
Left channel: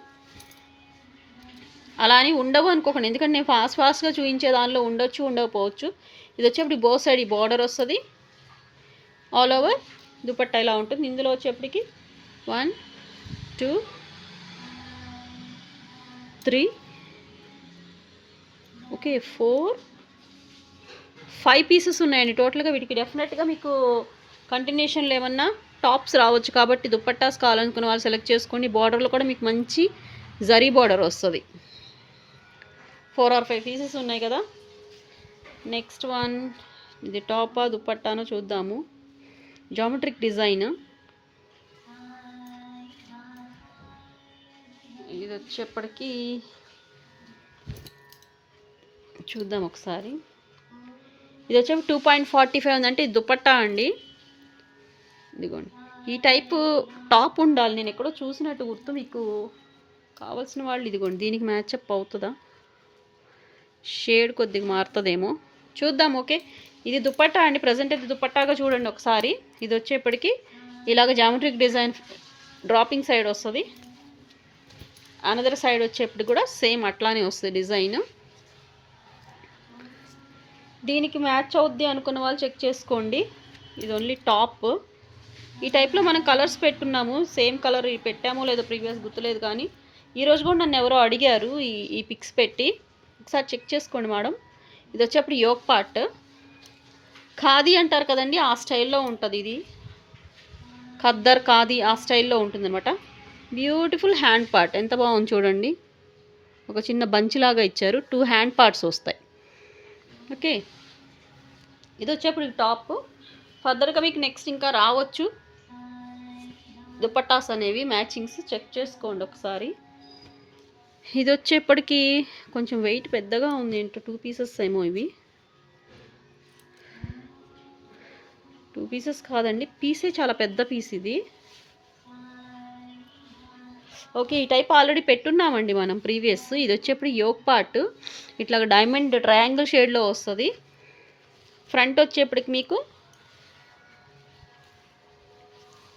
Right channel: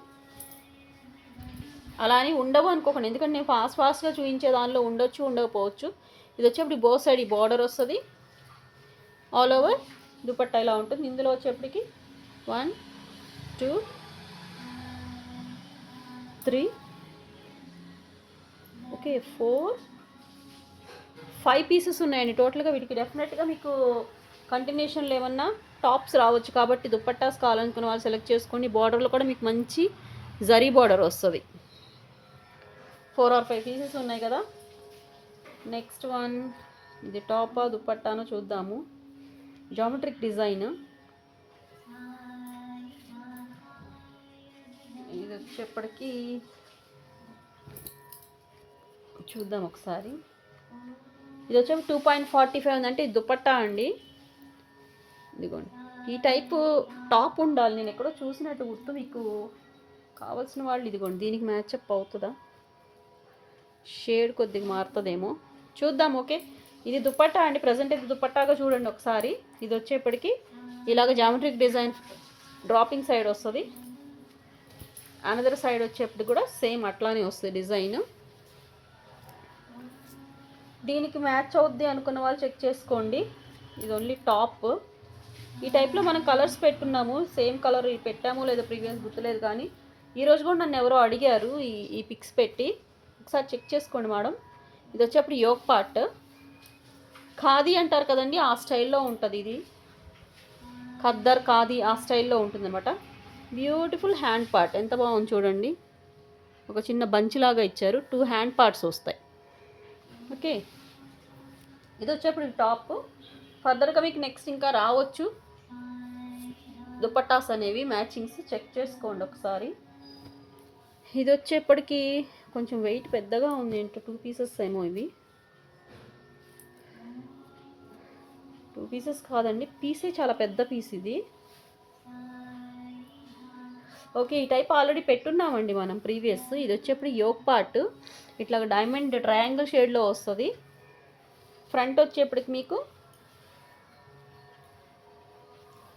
అలా అని ఉండవు అనుకోకండి, ఎందుకంటే నేను ఫాస్ట్గా చూపించే దానిలో ఉండొచ్చు ఉండకపోవచ్చు. ఇది వచ్చేప్పటికి బో సైడ్ ఈ బార్డర్ వస్తుంది, ఆల్ ఓవర్ దుపట్టా ఇలా ఉంటుంది. ఇందులో వచ్చేప్పటికి 1 2 3 ఓకే 4 5 పీసెస్ ఉన్నాయండి టోటల్గా. వీటికి డెఫినెట్గా మీకు కంటిన్యూషన్లో ఏమన్నా టాప్స్ రావచ్చు, కాబట్టి దుపట్టాస్ కావాలనుకున్న వాళ్ళు సెలెక్ట్ చేసుకోండి. బార్డర్లో కూడా మీకు మంచి జరీ బార్డర్ వస్తుంది. 4 or 5 పీసెస్ ఉన్నాయి కదా. నెక్స్ట్ వన్, ఇది టాపా దుపట్టానో చూద్దాము. జామెట్రిక్ డిజైన్, ఇది వచ్చేప్పటికి చూద్దాం ఒకసారి. ఇది వచ్చేప్పుడు 2.45 ఉందంటే ఇది దుపట్టా అండి. ఇదిగోండి, ఈ టైపు టాప్ ఉండాలి, నేను ఎక్కడో చూసినట్టు గుర్తు. మీకు కావాల్సిన వాళ్ళు ఇదిగోండి, దీనికి మ్యాచప్ అవుతుందా, షేడ్ కొద్దిగా మారుతుందేమో చూద్దాం. ఓకే, ఇది దుపట్టా అండి. ప్రజెంట్ అయితే దుపట్టాగా చూడండి ఒకసారి. ఇది వచ్చేప్పటికి ఇలాగ జామెట్రిక్ డిజైన్ డ్రాపింగ్ సైడ్ వస్తుంది, అనదర్ సైడ్ వచ్చేప్పటికి కూడా సేమ్ అట్లానే వస్తుంది డిజైన్. దీనికి మ్యాచ్ అవుద్ది అనుకున్న వాళ్ళు చెక్ చేసుకోండి. ఇది ఓన్లీ టాప్. ఈ టైప్లో మనం కలర్స్ పెట్టున్నాము, సేమ్ కలర్ పెట్టామో లేదో ప్రీవియస్ గుర్తులేదు కానీ ఈరోజు కూడా నన్ను ఎవరో అడిగారు ఈ పిక్స్ పెట్టి, ఒకసారి చెక్ చేసుకోండి మేడం. ఇది వచ్చేప్పుడు యోగ్ పార్ట్, ఖాదీ అంటారు కదండి, ఆ స్టైల్లో ఉంటుంది. ఇది ఖద్దర్ ఖాదీ ఆ స్టైల్లో ఉంటుంది అనమాట. బ్యూటిఫుల్ హ్యాండ్ పార్ట్, ఎంత బాగుంది చూడండి. ఒక చిన్న బంచ్ లాగా ఇచ్చారు, 2 హ్యాండ్ పార్ట్స్ వస్తాయి. ఓకే, ఇది వచ్చేప్పుడు టాప్. ఫర్దర్గా మీకు నెక్స్ట్ ఇంకా రావచ్చు దుపట్టాస్ అనేవి, మ్యాచింగ్స్ చెక్ చేసుకోండి ఒకసారి. ఇది వచ్చేప్పటికి కొంచెం వెయిట్ పెద్దగా ఉంది, ఏంటో 2 పీసెస్ ఏమో ఇవి. 2 పీసెస్ కాదండి, పీసే చాలా పెద్ద పీస్ ఇది. ఓకే, ఈ టైప్ ఆల్రెడీ పెట్టున్నామండి మనం ప్రీవియస్. ఇది వచ్చేప్పుడు యోగ్ పార్ట్, ఇట్లా డైమండ్ ట్రయాంగిల్ షేడ్లో వస్తుంది. ఫ్రంట్ వచ్చేప్పటికి మీకు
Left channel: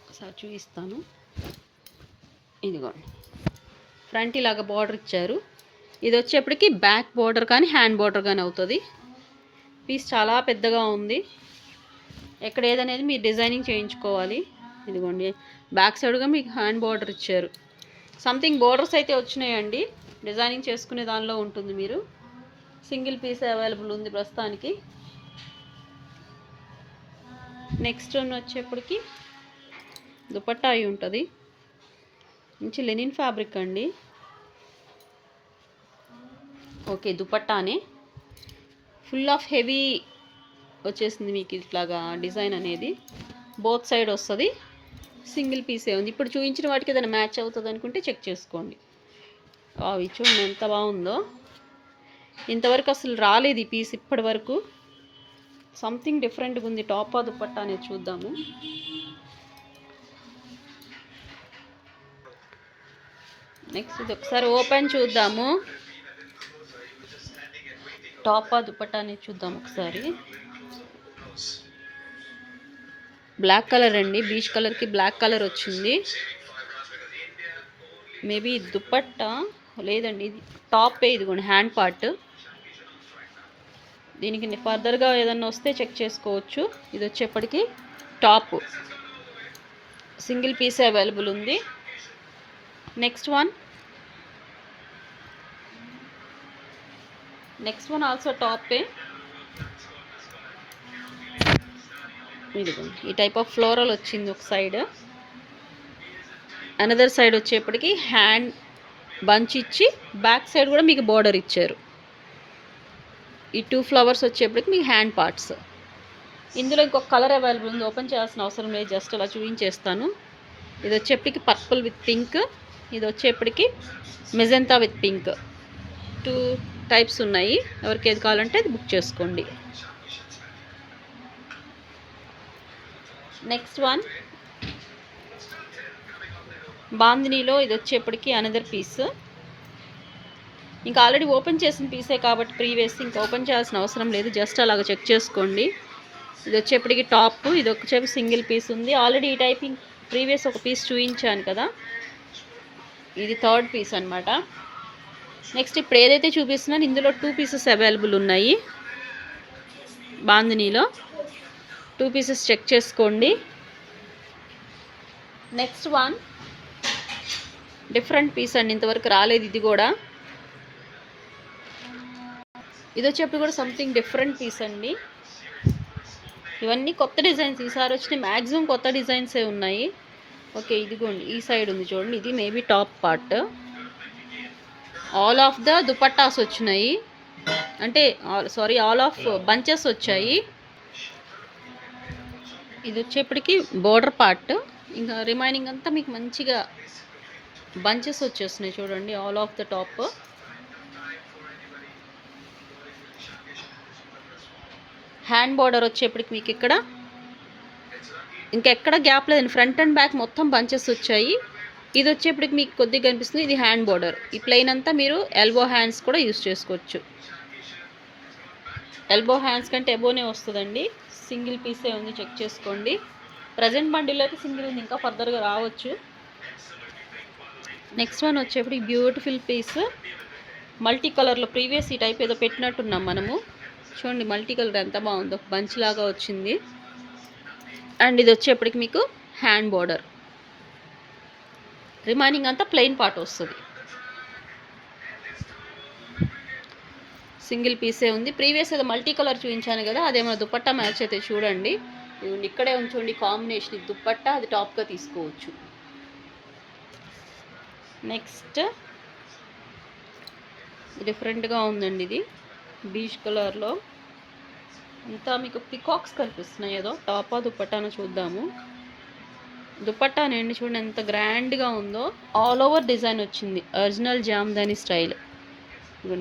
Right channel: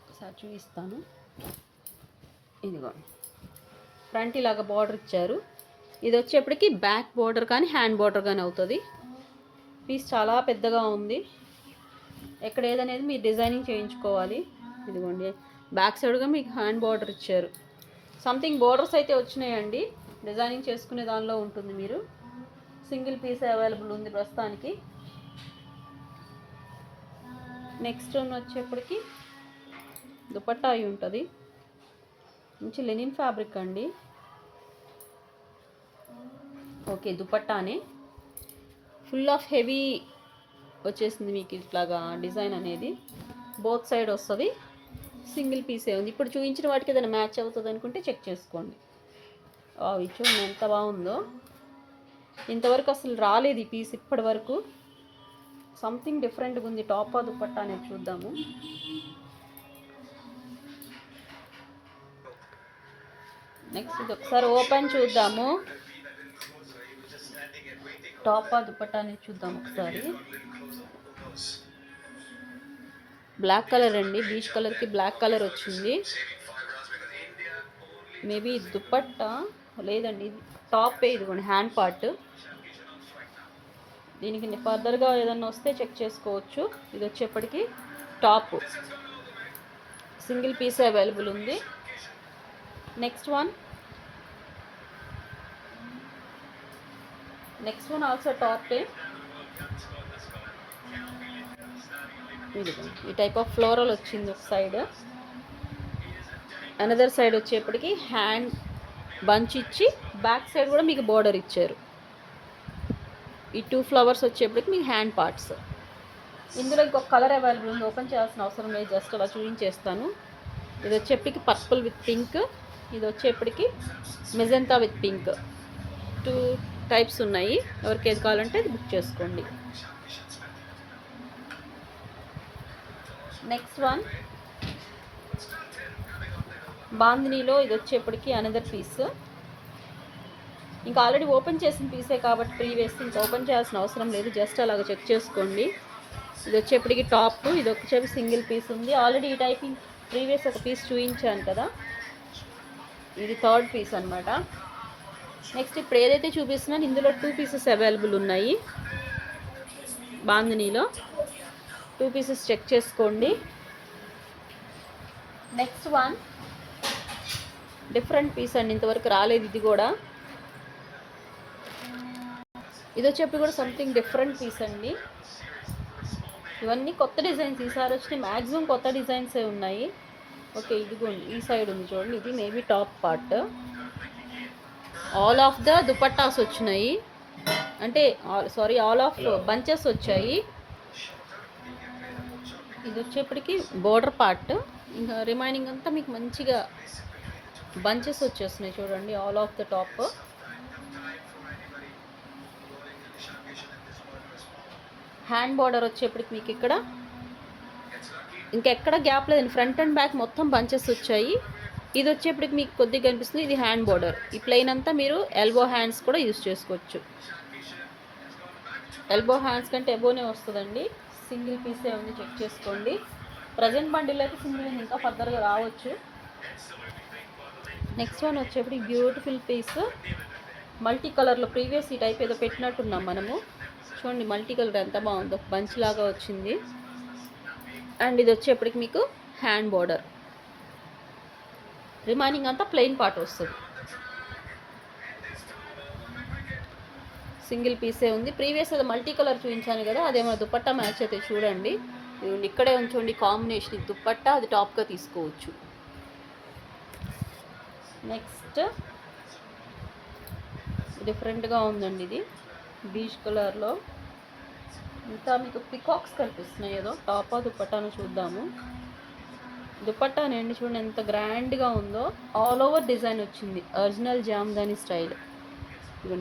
ఒకసారి చూపిస్తాను, ఇదిగోండి ఫ్రంట్ ఇలాగ బార్డర్ ఇచ్చారు. ఇది వచ్చేప్పటికి బ్యాక్ బార్డర్ కానీ హ్యాండ్ బార్డర్ కానీ అవుతుంది. పీస్ చాలా పెద్దగా ఉంది, ఎక్కడ ఏదనేది మీరు డిజైనింగ్ చేయించుకోవాలి. ఇదిగోండి బ్యాక్ సైడ్గా మీకు హ్యాండ్ బార్డర్ ఇచ్చారు. సంథింగ్ బార్డర్స్ అయితే వచ్చినాయండి, డిజైనింగ్ చేసుకునే దానిలో ఉంటుంది. మీరు సింగిల్ పీస్ అవైలబుల్ ఉంది ప్రస్తుతానికి. నెక్స్ట్ వచ్చేప్పటికి దుపట్టా అయి ఉంటుంది, మంచి లెనిన్ ఫ్యాబ్రిక్ అండి. ఓకే, దుపట్టానే ఫుల్ ఆఫ్ హెవీ వచ్చేసింది మీకు ఇట్లాగా డిజైన్ అనేది. బోత్ సైడ్ వస్తుంది, సింగిల్ పీసే ఉంది. ఇప్పుడు చూపించిన వాటికి ఏదైనా మ్యాచ్ అవుతుంది అనుకుంటే చెక్ చేసుకోండి. అవి చూడండి ఎంత బాగుందో, ఇంతవరకు అసలు రాలేదు ఈ పీస్ ఇప్పటి వరకు. సంథింగ్ డిఫరెంట్గా ఉంది. టాపా దుపట్టా అనేది చూద్దాము. నెక్స్ట్ ఇది ఒకసారి ఓపెన్ చూద్దాము, టాపా దుపట్టా అనేది చూద్దాం ఒకసారి. బ్లాక్ కలర్ అండి, బీచ్ కలర్కి బ్లాక్ కలర్ వచ్చింది. మేబీ దుపట్టా లేదండి, ఇది టాపే. ఇదిగోండి హ్యాండ్ పార్ట్. దీనికి ఫర్దర్గా ఏదన్నా వస్తే చెక్ చేసుకోవచ్చు. ఇది వచ్చేప్పటికి టాప్, సింగిల్ పీస్ అవైలబుల్ ఉంది. Next one, next one also టాపే. ఇదిగోండి ఈ టైప్ ఆఫ్ ఫ్లోరల్ వచ్చింది ఒక సైడ్. అనదర్ సైడ్ వచ్చేప్పటికి హ్యాండ్ బంచ్ ఇచ్చి బ్యాక్ సైడ్ కూడా మీకు బోర్డర్ ఇచ్చారు. ఈ 2 ఫ్లవర్స్ వచ్చేప్పటికి మీ హ్యాండ్ పార్ట్స్. ఇందులో ఇంకొక కలర్ అవైలబుల్ ఉంది, ఓపెన్ చేయాల్సిన అవసరం లేదు, జస్ట్ అలా చూపించేస్తాను. ఇది వచ్చేప్పటికి పర్పుల్ విత్ పింక్, ఇది వచ్చేప్పటికి మెజెంతా విత్ పింక్. 2 టైప్స్ ఉన్నాయి, ఎవరికి ఏది కావాలంటే అది బుక్ చేసుకోండి. నెక్స్ట్ వన్ బాందినీలో ఇది వచ్చేప్పటికి అనదర్ పీస్. ఇంకా ఆల్రెడీ ఓపెన్ చేసిన పీసే కాబట్టి ప్రీవియస్ ఇంకా ఓపెన్ చేయాల్సిన అవసరం లేదు, జస్ట్ అలాగ చెక్ చేసుకోండి. ఇది వచ్చేప్పటికి టాప్, ఇది వచ్చేప్పటికి సింగిల్ పీస్ ఉంది. ఆల్రెడీ ఈ టైపింగ్ ప్రీవియస్ ఒక పీస్ చూపించాను కదా, ఇది 3rd పీస్ అనమాట. నెక్స్ట్ ఇప్పుడు ఏదైతే చూపిస్తున్నాను ఇందులో 2 పీసెస్ అవైలబుల్ ఉన్నాయి. బాందినీలో 2 పీసెస్ చెక్ చేసుకోండి. నెక్స్ట్ వన్ డిఫరెంట్ పీస్ అండి, ఇంతవరకు రాలేదు ఇది కూడా. ఇది వచ్చేప్పుడు కూడా సంథింగ్ డిఫరెంట్ పీస్ అండి. ఇవన్నీ కొత్త డిజైన్స్ ఈసారి వచ్చినాయి, మ్యాక్సిమం కొత్త డిజైన్సే ఉన్నాయి. ఓకే ఇదిగోండి ఈ సైడ్ ఉంది చూడండి, ఇది maybe top part. All of the dupattas వచ్చినాయి, అంటే సారీ ఆల్ ఆఫ్ బంచెస్ వచ్చాయి. ఇది వచ్చేప్పటికి బోర్డర్ పార్ట్, ఇంకా రిమైనింగ్ అంతా మీకు మంచిగా బంచెస్ వచ్చేస్తున్నాయి చూడండి all of the top. Hand border వచ్చేప్పటికి మీకు ఇక్కడ ఇంకెక్కడ గ్యాప్ లేదండి, ఫ్రంట్ అండ్ బ్యాక్ మొత్తం బంచెస్ వచ్చాయి. ఇది వచ్చేప్పటికి మీకు కొద్దిగా కనిపిస్తుంది, ఇది హ్యాండ్ బోర్డర్. ఈ ప్లెయిన్ అంతా మీరు ఎల్బో హ్యాండ్స్ కూడా యూస్ చేసుకోవచ్చు. ఎల్బో హ్యాండ్స్ కంటే ఎబోనే వస్తుందండి. సింగిల్ పీసే ఉంది, చెక్ చేసుకోండి. ప్రజెంట్ బండిలో అయితే సింగిల్ ఉంది, ఇంకా ఫర్దర్గా రావచ్చు. నెక్స్ట్ వన్ వచ్చేప్పటికి బ్యూటిఫుల్ పీస్ మల్టీ కలర్లో. ప్రీవియస్ ఈ టైప్ ఏదో పెట్టినట్టున్నాం మనము, చూడండి మల్టీ కలర్ ఎంత బాగుందో, బంచ్ లాగా వచ్చింది. అండ్ ఇది వచ్చేప్పటికి మీకు హ్యాండ్ బోర్డర్, రిమైనింగ్ అంతా ప్లెయిన్ పార్ట్ వస్తుంది. సింగిల్ పీసే ఉంది. ప్రీవియస్ ఏదో మల్టీ కలర్ చూపించాను కదా, అదేమో దుపట్టా మ్యాచ్ అయితే చూడండి, ఇక్కడే ఉంచండి కాంబినేషన్. ఇది దుపట్టా, అది టాప్గా తీసుకోవచ్చు. నెక్స్ట్ డిఫరెంట్గా ఉందండి, ఇది బీచ్ కలర్లో ఇంత మీకు పికాక్స్ కనిపిస్తున్నాయి. ఏదో టాపా దుపట్టాను చూద్దాము. దుపట్టా నేను చూడండి ఎంత గ్రాండ్గా ఉందో, ఆల్ ఓవర్ డిజైన్ వచ్చింది, ఒరిజినల్ జామ్దాని స్టైల్.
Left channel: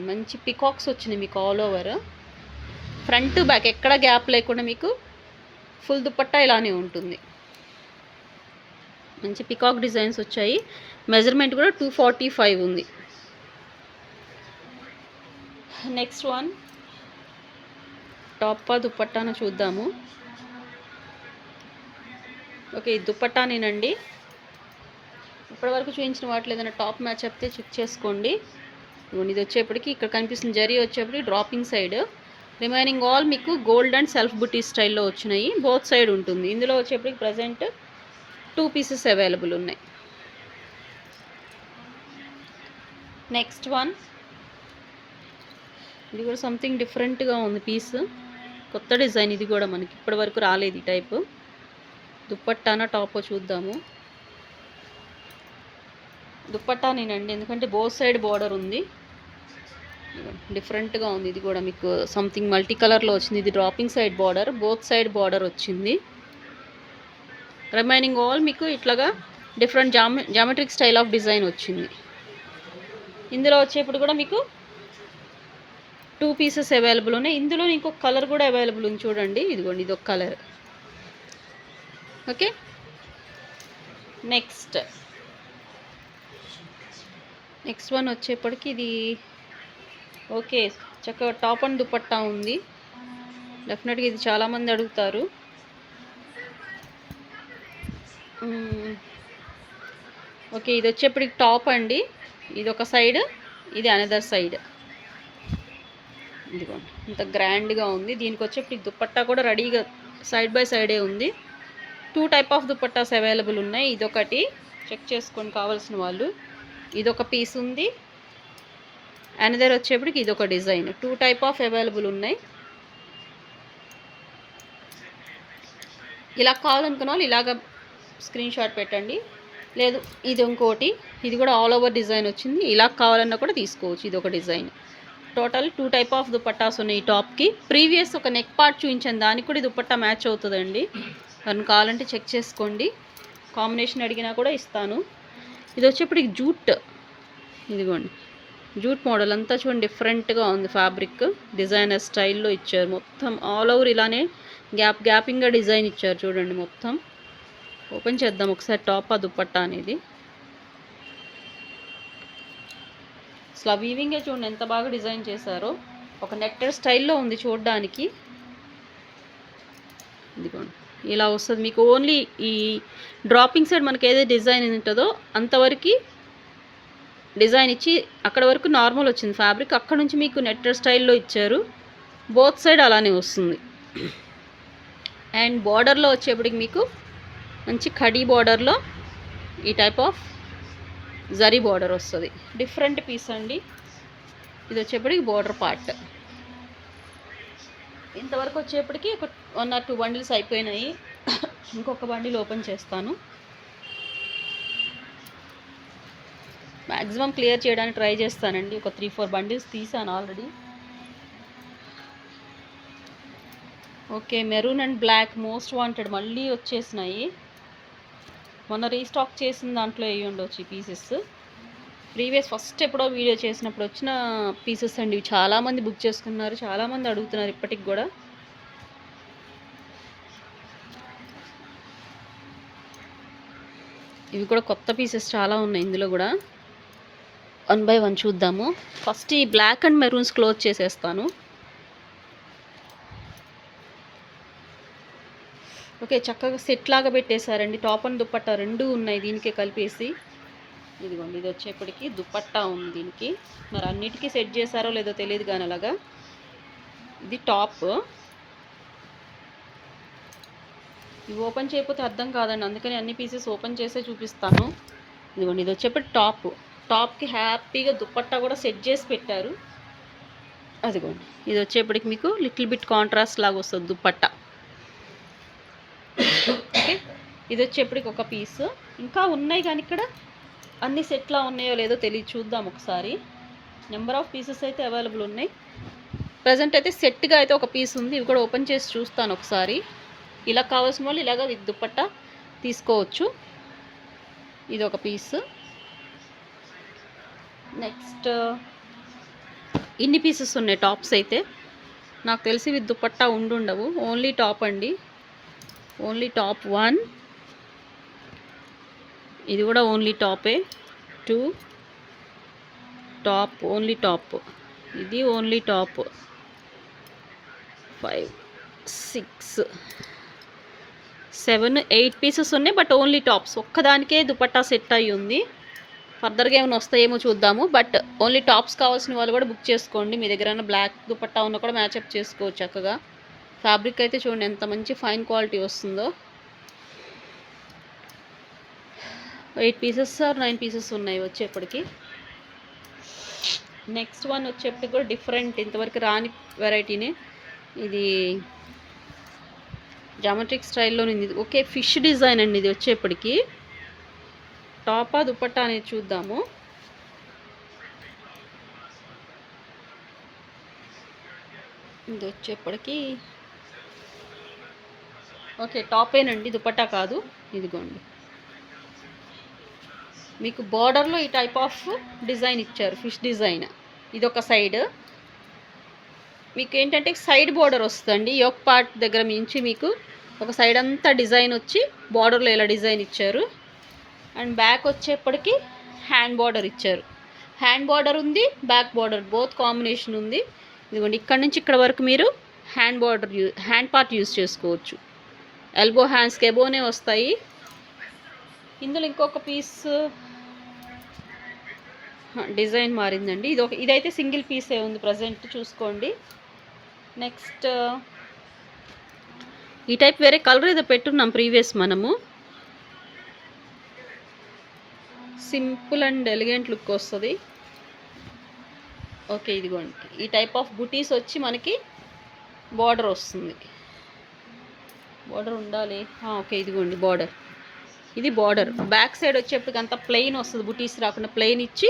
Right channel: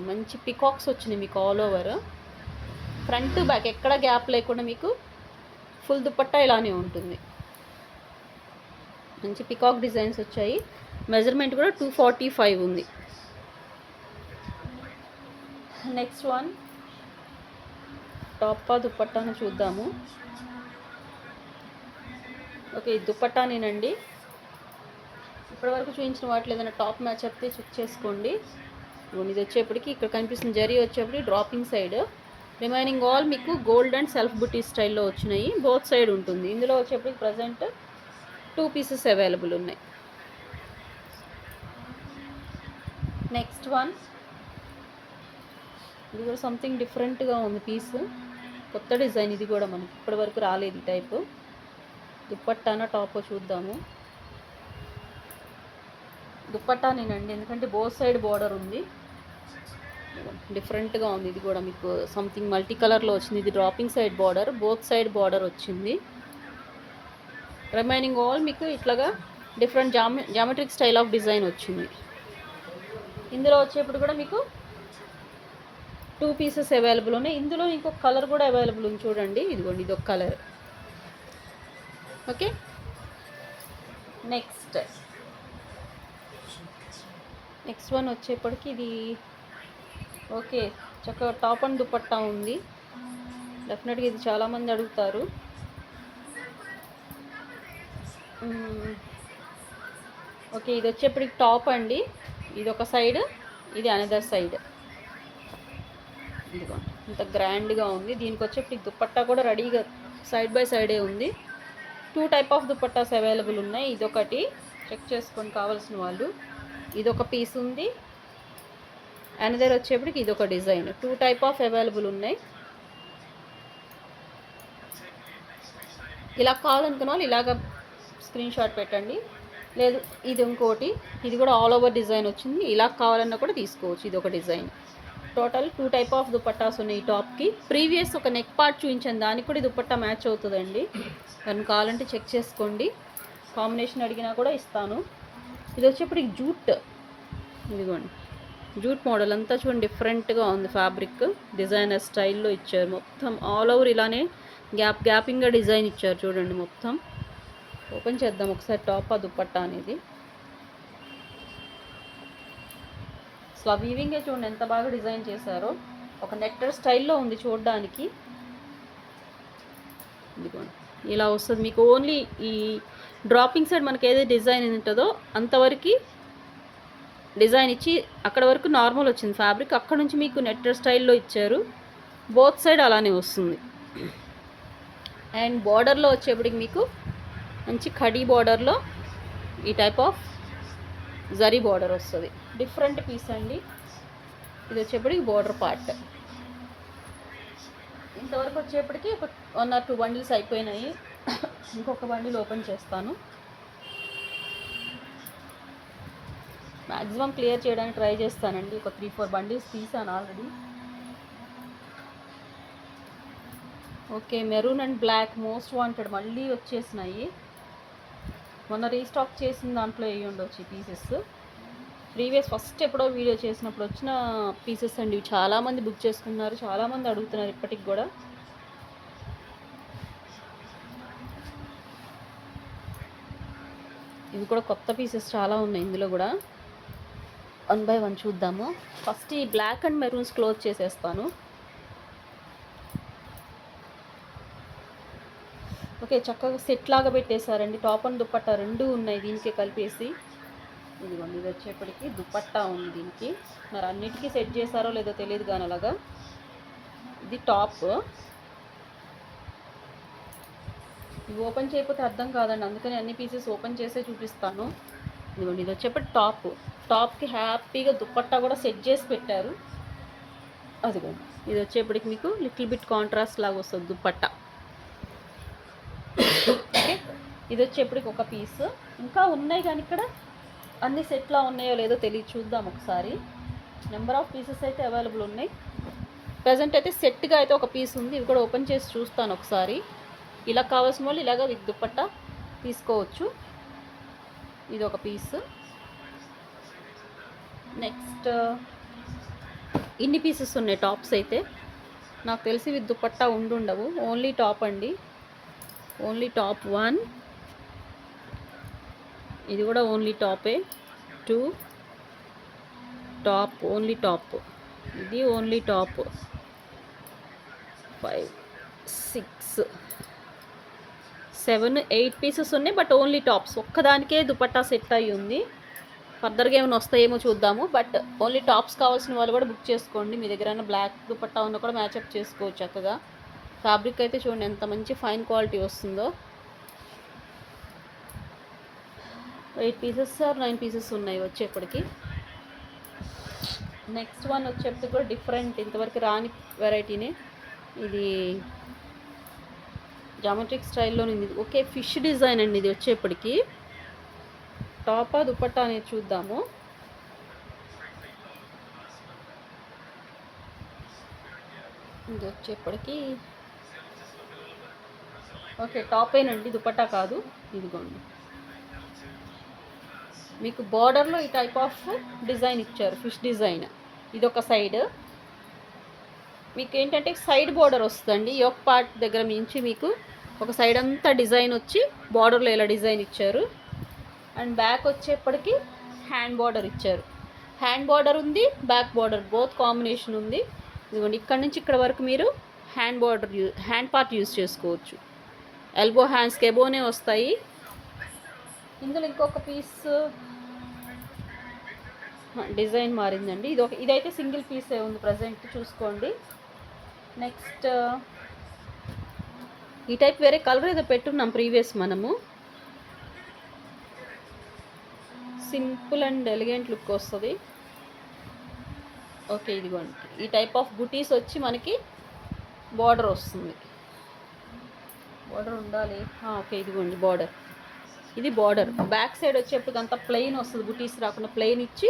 మంచి పికాక్స్ వచ్చినాయి మీకు ఆల్ ఓవర్, ఫ్రంట్ బ్యాక్ ఎక్కడ గ్యాప్ లేకుండా మీకు ఫుల్ దుపట్టా ఇలానే ఉంటుంది. మంచి పికాక్ డిజైన్స్ వచ్చాయి. మెజర్మెంట్ కూడా 245 ఉంది. నెక్స్ట్ వన్ టాపా దుపట్టాను చూద్దాము. ఓకే ఈ దుపట్టానేనండి. ఇప్పటివరకు చూపించిన వాటిలో ఏదైనా టాప్ మ్యాచ్ అయితే చెక్ చేసుకోండి. ఇది వచ్చేప్పటికి ఇక్కడ కనిపిస్తుంది జరీ వచ్చేప్పటికి డ్రాపింగ్ సైడ్, రిమైనింగ్ ఆల్ మీకు గోల్డ్ అండ్ సెల్ఫ్ బుటీ స్టైల్లో వచ్చినాయి. బోత్ సైడ్ ఉంటుంది. ఇందులో వచ్చేప్పటికి ప్రజెంట్ 2 పీసెస్ అవైలబుల్ ఉన్నాయి. నెక్స్ట్ వన్ ఇది కూడా సంథింగ్ డిఫరెంట్గా ఉంది పీస్, కొత్త డిజైన్. ఇది కూడా మనకి ఇప్పటి వరకు రాలేదు ఈ టైపు. దుపట్టానా టాపో చూద్దాము. దుపట్టానేనండి, ఎందుకంటే బోత్ సైడ్ బోర్డర్ ఉంది, డిఫరెంట్గా ఉంది. ఇది కూడా మీకు సంథింగ్ మల్టీ కలర్లో వచ్చింది. ఇది dropping side border, both side border వచ్చింది. రిమైనింగ్ ఆల్ మీకు ఇట్లాగా different geometric style of design వచ్చింది. ఇందులో వచ్చేప్పుడు కూడా మీకు 2 పీసెస్ అవైలబుల్ ఉన్నాయి. ఇందులో ఇంకొక కలర్ కూడా అవైలబుల్ ఉంది చూడండి, ఇదిగోండి ఇది ఒక కలర్. ఓకే నెక్స్ట్ వన్ వచ్చేప్పటికి ఇది ఓకే చక్కగా టాప్ అండ్ దుపట్టా ఉంది. డెఫినెట్గా ఇది చాలామంది అడుగుతారు. ఓకే ఇది వచ్చేప్పటికి టాప్ అండి, ఇది ఒక సైడ్, ఇది అనదర్ సైడ్. ఇదిగోండి ఇంత గ్రాండ్గా ఉంది. దీనికి వచ్చేప్పటికి దుపట్టా కూడా రెడీగా సైడ్ బై సైడే ఉంది. 2 టైప్ ఆఫ్ దుపట్టాస్ అవైలబుల్ ఉన్నాయి. ఇదొకటి చెక్ చేసుకొని కావాల్సిన వాళ్ళు. ఇదొక పీస్ ఉంది, అనదర్ వచ్చేప్పటికి ఇది ఒక డిజైన్. 2 టైప్ ఆఫ్ అవైలబుల్ ఉన్నాయి. ఇలా కావాలనుకున్న వాళ్ళు ఇలాగ స్క్రీన్ షాట్ పెట్టండి. లేదు ఇది ఇంకోటి, ఇది కూడా ఆల్ ఓవర్ డిజైన్ వచ్చింది. ఇలా కావాలన్నా కూడా తీసుకోవచ్చు. ఇది ఒక design. Total 2 type of dupattas ఉన్నాయి ఈ టాప్కి. ప్రీవియస్ ఒక నెక్ పార్ట్ చూపించాను, దానికి కూడా దుపట్టా మ్యాచ్ అవుతుందండి. దాన్ని కావాలంటే చెక్ చేసుకోండి. కాంబినేషన్ అడిగినా కూడా ఇస్తాను. ఇది వచ్చేప్పటికి జూట్, ఇదిగోండి జూట్ మోడల్ అంతా చూడండి, డిఫరెంట్గా ఉంది. ఫ్యాబ్రిక్ డిజైనర్ స్టైల్లో ఇచ్చారు. మొత్తం ఆల్ ఓవర్ ఇలానే గ్యాపింగ్గా డిజైన్ ఇచ్చారు చూడండి. మొత్తం ఓపెన్ చేద్దాం ఒకసారి టాప్ ఆ దుపట్టా అనేది. అసలు వీవింగే చూడండి ఎంత బాగా డిజైన్ చేశారో. ఒక నెట్టెడ్ స్టైల్లో ఉంది చూడడానికి. ఇదిగోండి ఇలా వస్తుంది మీకు. ఓన్లీ ఈ డ్రాపింగ్ సైడ్ మనకి ఏదైతే డిజైన్ ఉంటుందో అంతవరకు డిజైన్ ఇచ్చి అక్కడ వరకు నార్మల్ వచ్చింది ఫ్యాబ్రిక్. అక్కడ నుంచి మీకు నెట్టెడ్ స్టైల్లో ఇచ్చారు. బోత్ సైడ్ అలానే వస్తుంది. అండ్ బార్డర్లో వచ్చేప్పటికి మీకు మంచి ఖడీ బార్డర్లో ఈ టైప్ ఆఫ్ జరీ బార్డర్ వస్తుంది. డిఫరెంట్ పీస్ అండి. ఇది వచ్చేప్పటికి బార్డర్ పార్ట్. ఇంతవరకు వచ్చేప్పటికి ఒక 1 or 2 బండిల్స్ అయిపోయినాయి. ఇంకొక బండిల్ ఓపెన్ చేస్తాను. మ్యాక్సిమం క్లియర్ చేయడానికి ట్రై చేస్తానండి. ఒక 3-4 బండిల్స్ తీసాను already. Okay, maroon and black most wanted మళ్ళీ వచ్చేసినాయి. మొన్న రీస్టాక్ చేసిన దాంట్లో వేయి ఉండొచ్చు ఈ పీసెస్. ప్రీవియస్ ఫస్ట్ ఎప్పుడో వీడియో చేసినప్పుడు వచ్చిన పీసెస్ అండి. ఇవి చాలామంది బుక్ చేసుకున్నారు, చాలామంది అడుగుతున్నారు ఇప్పటికి కూడా. ఇవి కూడా కొత్త పీసెస్ చాలా ఉన్నాయి ఇందులో కూడా. 1 by 1 చూద్దాము. ఫస్ట్ ఈ బ్లాక్ అండ్ మెరూన్స్ క్లోజ్ చేసేస్తాను. ఓకే, చక్కగా సెట్ లాగా పెట్టేశారండి. టాప్ అండ్ దుపట్టా రెండు ఉన్నాయి దీనికే కలిపేసి. ఇదిగోండి ఇది వచ్చేప్పటికి దుపట్టా ఉంది దీనికి. మరి అన్నిటికీ సెట్ చేశారో లేదో తెలియదు కానీ అలాగా. ఇది టాప్. ఇవి ఓపెన్ చేయకపోతే అర్థం కాదండి, అందుకని అన్ని పీసెస్ ఓపెన్ చేసే చూపిస్తాను. ఇదిగోండి ఇది వచ్చేప్పటి టాప్. టాప్కి హ్యాపీగా దుపట్టా కూడా సెట్ చేసి పెట్టారు. అదిగోండి ఇది వచ్చేప్పటికి మీకు లిటిల్ బిట్ కాంట్రాస్ట్ లాగా వస్తుంది దుపట్టా. ఓకే, ఇది వచ్చేప్పటికి ఒక పీస్. ఇంకా ఉన్నాయి కానీ ఇక్కడ అన్ని సెట్లా ఉన్నాయో లేదో తెలియదు, చూద్దాం ఒకసారి. నెంబర్ ఆఫ్ పీసెస్ అయితే అవైలబుల్ ఉన్నాయి. ప్రజెంట్ అయితే సెట్గా అయితే ఒక పీస్ ఉంది. ఇవి కూడా ఓపెన్ చేసి చూస్తాను ఒకసారి. ఇలా కావాల్సిన వాళ్ళు ఇలాగ విత్ దుపట్టా తీసుకోవచ్చు. ఇది ఒక పీస్. నెక్స్ట్ ఇన్ని పీసెస్ ఉన్నాయి టాప్స్ అయితే. నాకు తెలిసి విత్ దుపట్టా ఉండవు, ఓన్లీ టాప్ అండి. Only top 1. ఇది కూడా ఓన్లీ టాపే. 2 top, only top. ఇది ఓన్లీ టాప్. 5 6 7 8 పీసెస్ ఉన్నాయి, బట్ ఓన్లీ టాప్స్. ఒక్కదానికే దుపట్టా సెట్ అయ్యి ఉంది. ఫర్దర్గా ఏమైనా వస్తాయేమో చూద్దాము. బట్ ఓన్లీ టాప్స్ కావాల్సిన వాళ్ళు కూడా బుక్ చేసుకోండి. మీ దగ్గర బ్లాక్ దుపట్టా ఉన్న కూడా మ్యాచప్ చేసుకోవచ్చు చక్కగా. ఫ్యాబ్రిక్ అయితే చూడండి ఎంత మంచి ఫైన్ క్వాలిటీ వస్తుందో. 8 పీసెస్ ఆర్ 9 పీసెస్ ఉన్నాయి వచ్చేప్పటికి. నెక్స్ట్ వన్ వచ్చేప్పటికి కూడా డిఫరెంట్, ఇంతవరకు రాని వెరైటీనే. ఇది జామెట్రిక్ స్టైల్లో ఉంది. ఓకే, ఫిష్ డిజైన్ అండి ఇది వచ్చేప్పటికి. టాపా దుపట్టా అనేది చూద్దాము. ఇది వచ్చేప్పటికి ఓకే టాపేనండి, దుపట్టా కాదు. ఇదిగోండి మీకు బార్డర్లో ఈ టైప్ ఆఫ్ డిజైన్ ఇచ్చారు, ఫిష్ డిజైన్. ఇది ఒక సైడ్ మీకు ఏంటంటే సైడ్ బార్డర్ వస్తుందండి. యోక్ పార్ట్ దగ్గర మించి మీకు ఒక సైడ్ అంతా డిజైన్ వచ్చి బార్డర్లో ఇలా డిజైన్ ఇచ్చారు. అండ్ బ్యాక్ వచ్చేప్పటికి హ్యాండ్ బార్డర్ ఇచ్చారు. హ్యాండ్ బార్డర్ ఉంది, బ్యాక్ బార్డర్ బోత్ కాంబినేషన్ ఉంది. ఇదిగోండి ఇక్కడ నుంచి ఇక్కడ వరకు మీరు హ్యాండ్ పార్ట్ యూజ్ చేసుకోవచ్చు. ఎల్బో హ్యాండ్స్కి ఎబోనే వస్తాయి. ఇందులో ఇంకొక పీస్ డిజైన్ మారిందండి. ఇదైతే సింగిల్ పీసే ఉంది ప్రజెంట్, చూసుకోండి. నెక్స్ట్ ఈ టైప్ వేరే కలర్ ఏదో పెట్టున్నాం ప్రీవియస్ మనము. సింపుల్ అండ్ ఎలిగెంట్ లుక్ వస్తుంది. ఓకే, ఇదిగోండి ఈ టైప్ ఆఫ్ బుటీస్ వచ్చి మనకి బార్డర్ వస్తుంది. బార్డర్ ఉండాలి. ఓకే, ఇదిగోండి బార్డర్. ఇది బార్డర్. బ్యాక్ సైడ్ వచ్చేప్పటికి అంతా ప్లెయిన్ వస్తుంది, బుటీస్ రాకుండా ప్లెయిన్ ఇచ్చి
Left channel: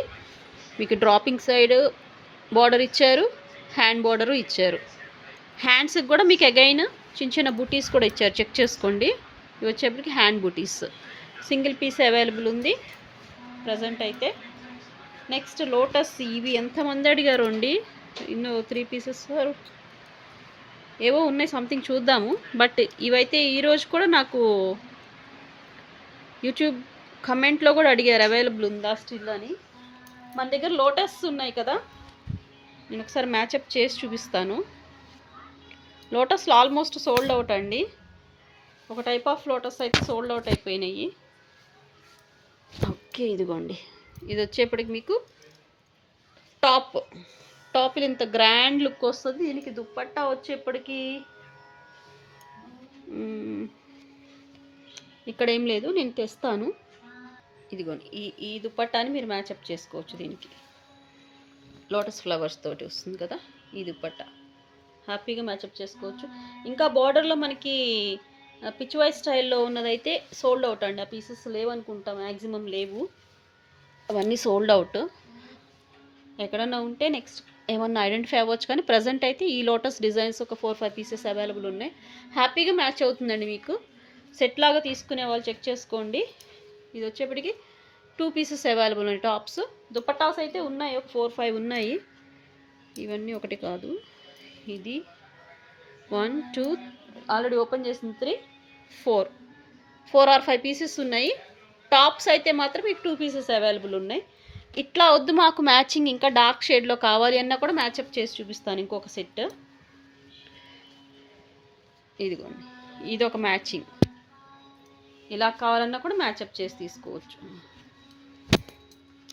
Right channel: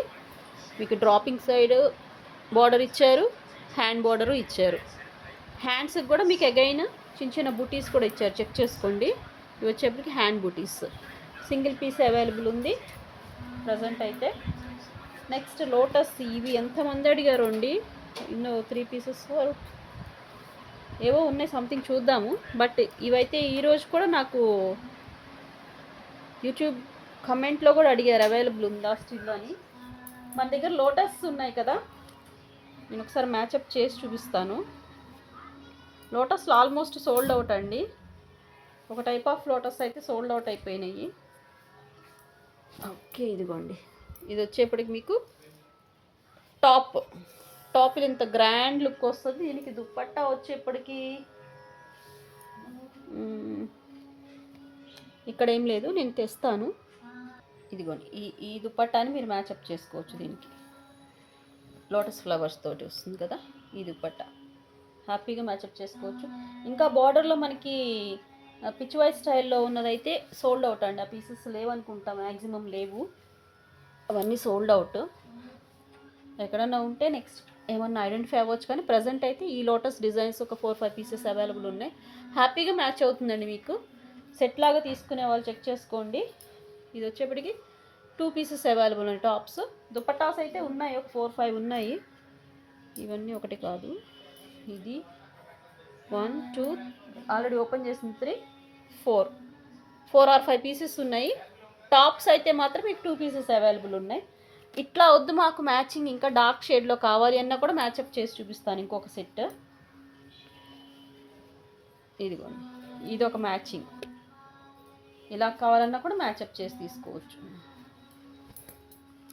మీకు డ్రాపింగ్ సైడ్ బార్డర్ ఇచ్చారు, హ్యాండ్ బార్డరు ఇచ్చారు. హ్యాండ్స్కి కూడా మీకు అగైన్ చిన్న చిన్న బుటీస్ కూడా ఇచ్చారు, చెక్ చేసుకోండి. ఇవి వచ్చేప్పటికి హ్యాండ్ బుటీస్. సింగిల్ పీస్ అవైలబుల్ ఉంది ప్రజెంట్ అయితే. Next lotus. ఇవి ఎంతమంది అడిగారు అండి, ఇన్నో 3 పీసెస్ ఏవో ఉన్నాయి, సంథింగ్ చూద్దాము. బట్ ఇవైతే ఈరోజు కూడా నాకు యూట్యూబ్ కమెంట్లో కూడా అడిగారు అవైలబుల్ ఉందా స్టిల్ అని. మన దగ్గర లోటస్ ఉన్నాయి కదా, నేను ఒకసారి మ్యాచప్ చేసి చూపిస్తాను. లోటస్లో ఆల్మోస్ట్ సోల్డ్ అవుట్ అండి. ఒక టైప్ ఆఫ్ లోటస్ అయితే సోల్డ్ అవుట్ అయిపోయినాయి. ఓకే, ఇదిగోండి. ఇది వచ్చేప్పటికి మీకు టాప్ ఇంత గ్రాండ్ లుక్ వస్తుంది. దీనికి దుప్పట్టా వచ్చేప్పటికి ఇక్కడ ఏం లేదు, నేను తెస్తాను. ఇదిగోండి ఈ దుప్పట్టాని మీరు మ్యాచప్ చేసుకోవచ్చు. దీనికి లోటస్ ఫ్లవర్స్ తోటి వస్తుంది కదా ఈ దుప్పట్టా, హ్యాపీగా మ్యాచప్ చేసుకోవచ్చు. ఇంకా బార్డర్లో మనకి పిచ్ వై స్టైల్లో ఉన్నదైతే సోల్డ్ అవుట్ అండి. ఆ పీసెస్ లేవనుకుంటా, మ్యాక్సిమం లేవు, అవన్నీ సోల్డ్ అవుట్. ఎక్కడన్నా ఉంటే నెక్స్ట్ ఏమన్నా ఐడెంటిఫై అవ్వచ్చు. కానీ ప్రజెంట్ అయితే ఈ లోటస్ డిజైన్స్ ఒక 4-5 పీసెస్ అవైలబుల్ ఉన్నాయి. హ్యాపీగా మ్యాచ్ అవుతుందండి మీకు. సెట్ లాగా తీసుకునే వాళ్ళు చెక్ చేసుకోండి. ఇది వచ్చేప్పటికి 2 పీసెస్ అవైలబుల్ ఉన్నాయి టాప్స్. దుపట్టాస్ అయితే ఉన్నాయి, ఒక 4-5 ఉన్నాయి. ఇవన్నీ ఒకటి కాదు, ఇది 1 2 ఆల్రెడీ ఓపెన్ చేసింది 3 4 or 5 పీసెస్ ఉన్నాయి. టాప్స్ అయితే మాత్రం మీకు 2 పీసెస్ అవైలబుల్ ఉన్నాయి. ఇట్లా వద్దు మాకు మ్యాచింగ్ ఇంకా డార్క్ షేడ్లో కావాలి అన్నా కూడా మ్యాచప్ చేసి చూపిస్తాను ఇంకొక సెట్. ఇదిగోండి, ఇది ఒక మ్యాచింగ్. ఇలా కావాలన్నా కూడా మ్యాచప్ చేసి తీసుకోవచ్చు.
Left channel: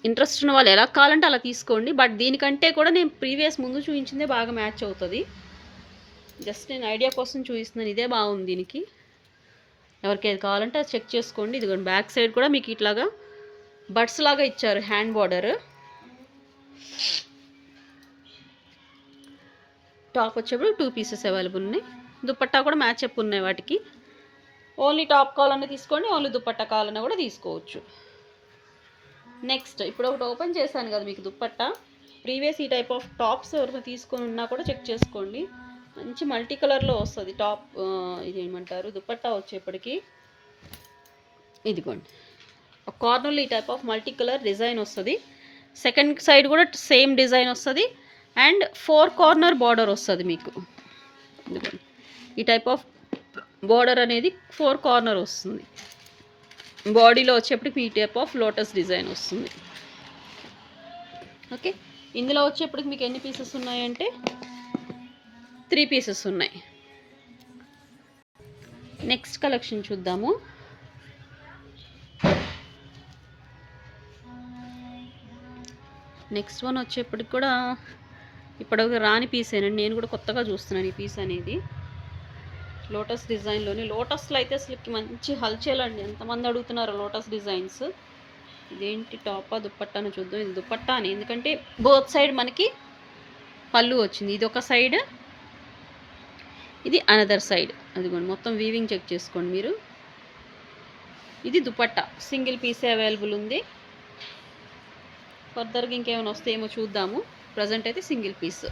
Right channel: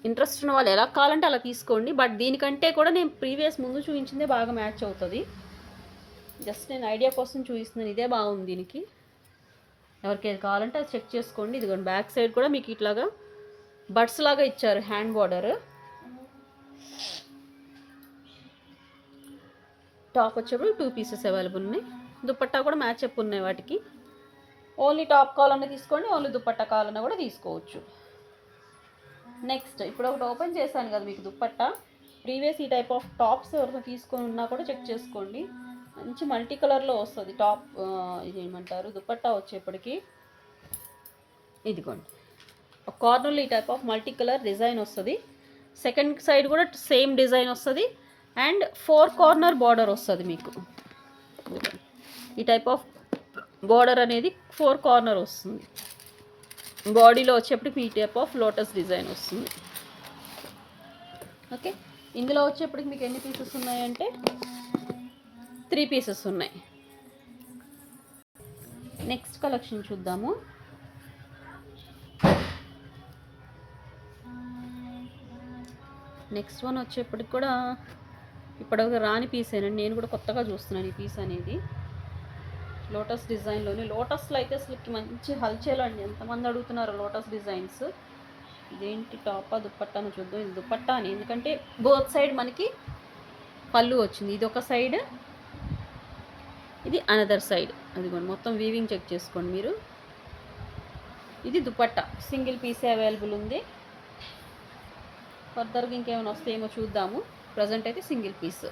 ఇంట్రెస్ట్ ఉన్న వాళ్ళు ఎలా కావాలంటే అలా తీసుకోండి. బట్ దీనికంటే కూడా నేను ప్రీవియస్ ముందు చూపించిందే బాగా మ్యాచ్ అవుతుంది. జస్ట్ నేను ఐడియా కోసం చూపిస్తున్నాను, ఇదే బాగుంది దీనికి. ఎవరికి ఏది కావాలంటే అది చెక్ చేసుకోండి. ఇదిగోండి బ్యాక్ సైడ్ కూడా మీకు ఇట్లాగా బడ్స్ లాగా ఇచ్చారు, హ్యాండ్ బార్డర్. టాప్ వచ్చేప్పుడు 2 పీసెస్ అవైలబుల్ ఉన్నాయి. దుపట్టా కూడా మ్యాచప్ ఉన్నాయి వాటికి. ఓన్లీ టాప్ కావాలన్నా తీసుకోండి, ఓన్లీ దుపట్టా కావాలన్నా కూడా తీసుకోవచ్చు. నెక్స్ట్ ఇప్పుడు ఒకటి ఓపెన్ చేశాను కదా మీకు దుపట్టా. ప్రీవియస్ ఈ టైప్ ఆఫ్ టాప్స్ ఎవరైనా తీసుకొని ఉన్నా కూడా చెక్ చేసుకోండి. మంచి మల్టీ కలర్లో వస్తుంది టాప్. ఇది ఏమంటారు, దుపట్టా వచ్చేప్పటికి ఇదిగోండి ఒక కార్నర్లో ఈ type of multi colour design వస్తుంది. సెకండ్ సైడ్ కూడా సేమ్ డిజైన్ వస్తుంది. అండ్ 4 కార్నర్ బార్డర్ వస్తుంది మీకు. ఈ టైప్ ఆఫ్ బార్డర్ అనేది 4 కార్నర్ వస్తుంది. బాడీలో వచ్చేప్పటికి ఈ టైప్ ఆఫ్ లోటస్ డిజైన్ వస్తుంది. ఓకే, ఇందులో వచ్చేప్పటికి మీకు ఎన్ని పీసెస్ ఉన్నాయంటే 3 పీసెస్ ఉన్నాయి. నెక్స్ట్ కలెక్షన్ చూద్దాము. నెక్స్ట్ వన్ వచ్చేప్పటికి కూడా ఇప్పటివరకు రాని పీసేనండి, నేను కూడా కొత్తగా చూస్తున్నాను ఈ పీస్ అనేది. లోటస్ డిజైన్లోనే. లోటస్లో అయితే అసలు మంచి హల్చల్ అండి, ఎంతమంది అడుగుతున్నారు లోటస్ డిజైన్స్. ఇదేంటి టాపా దుప్పట్టాను చూద్దాం. ఇది దుప్పట్టా అని, ఎందుకంటే బోత్ సైడ్ మనకి పళ్ళు వచ్చింది. ఇది ఒక సైడ్, ఇది అనదర్ సైడ్. అదిగోండి మొత్తం వీవింగ్ చెక్ చేసుకోండి మీరు. ఇది దుపట్టా, సింగిల్ పీసే అవైలబుల్ ఉంది. ఫర్దర్గా ఇంకేమైనా వస్తాయేమో చూద్దాము. ప్రజెంట్ అయితే సింగిల్ పీస్.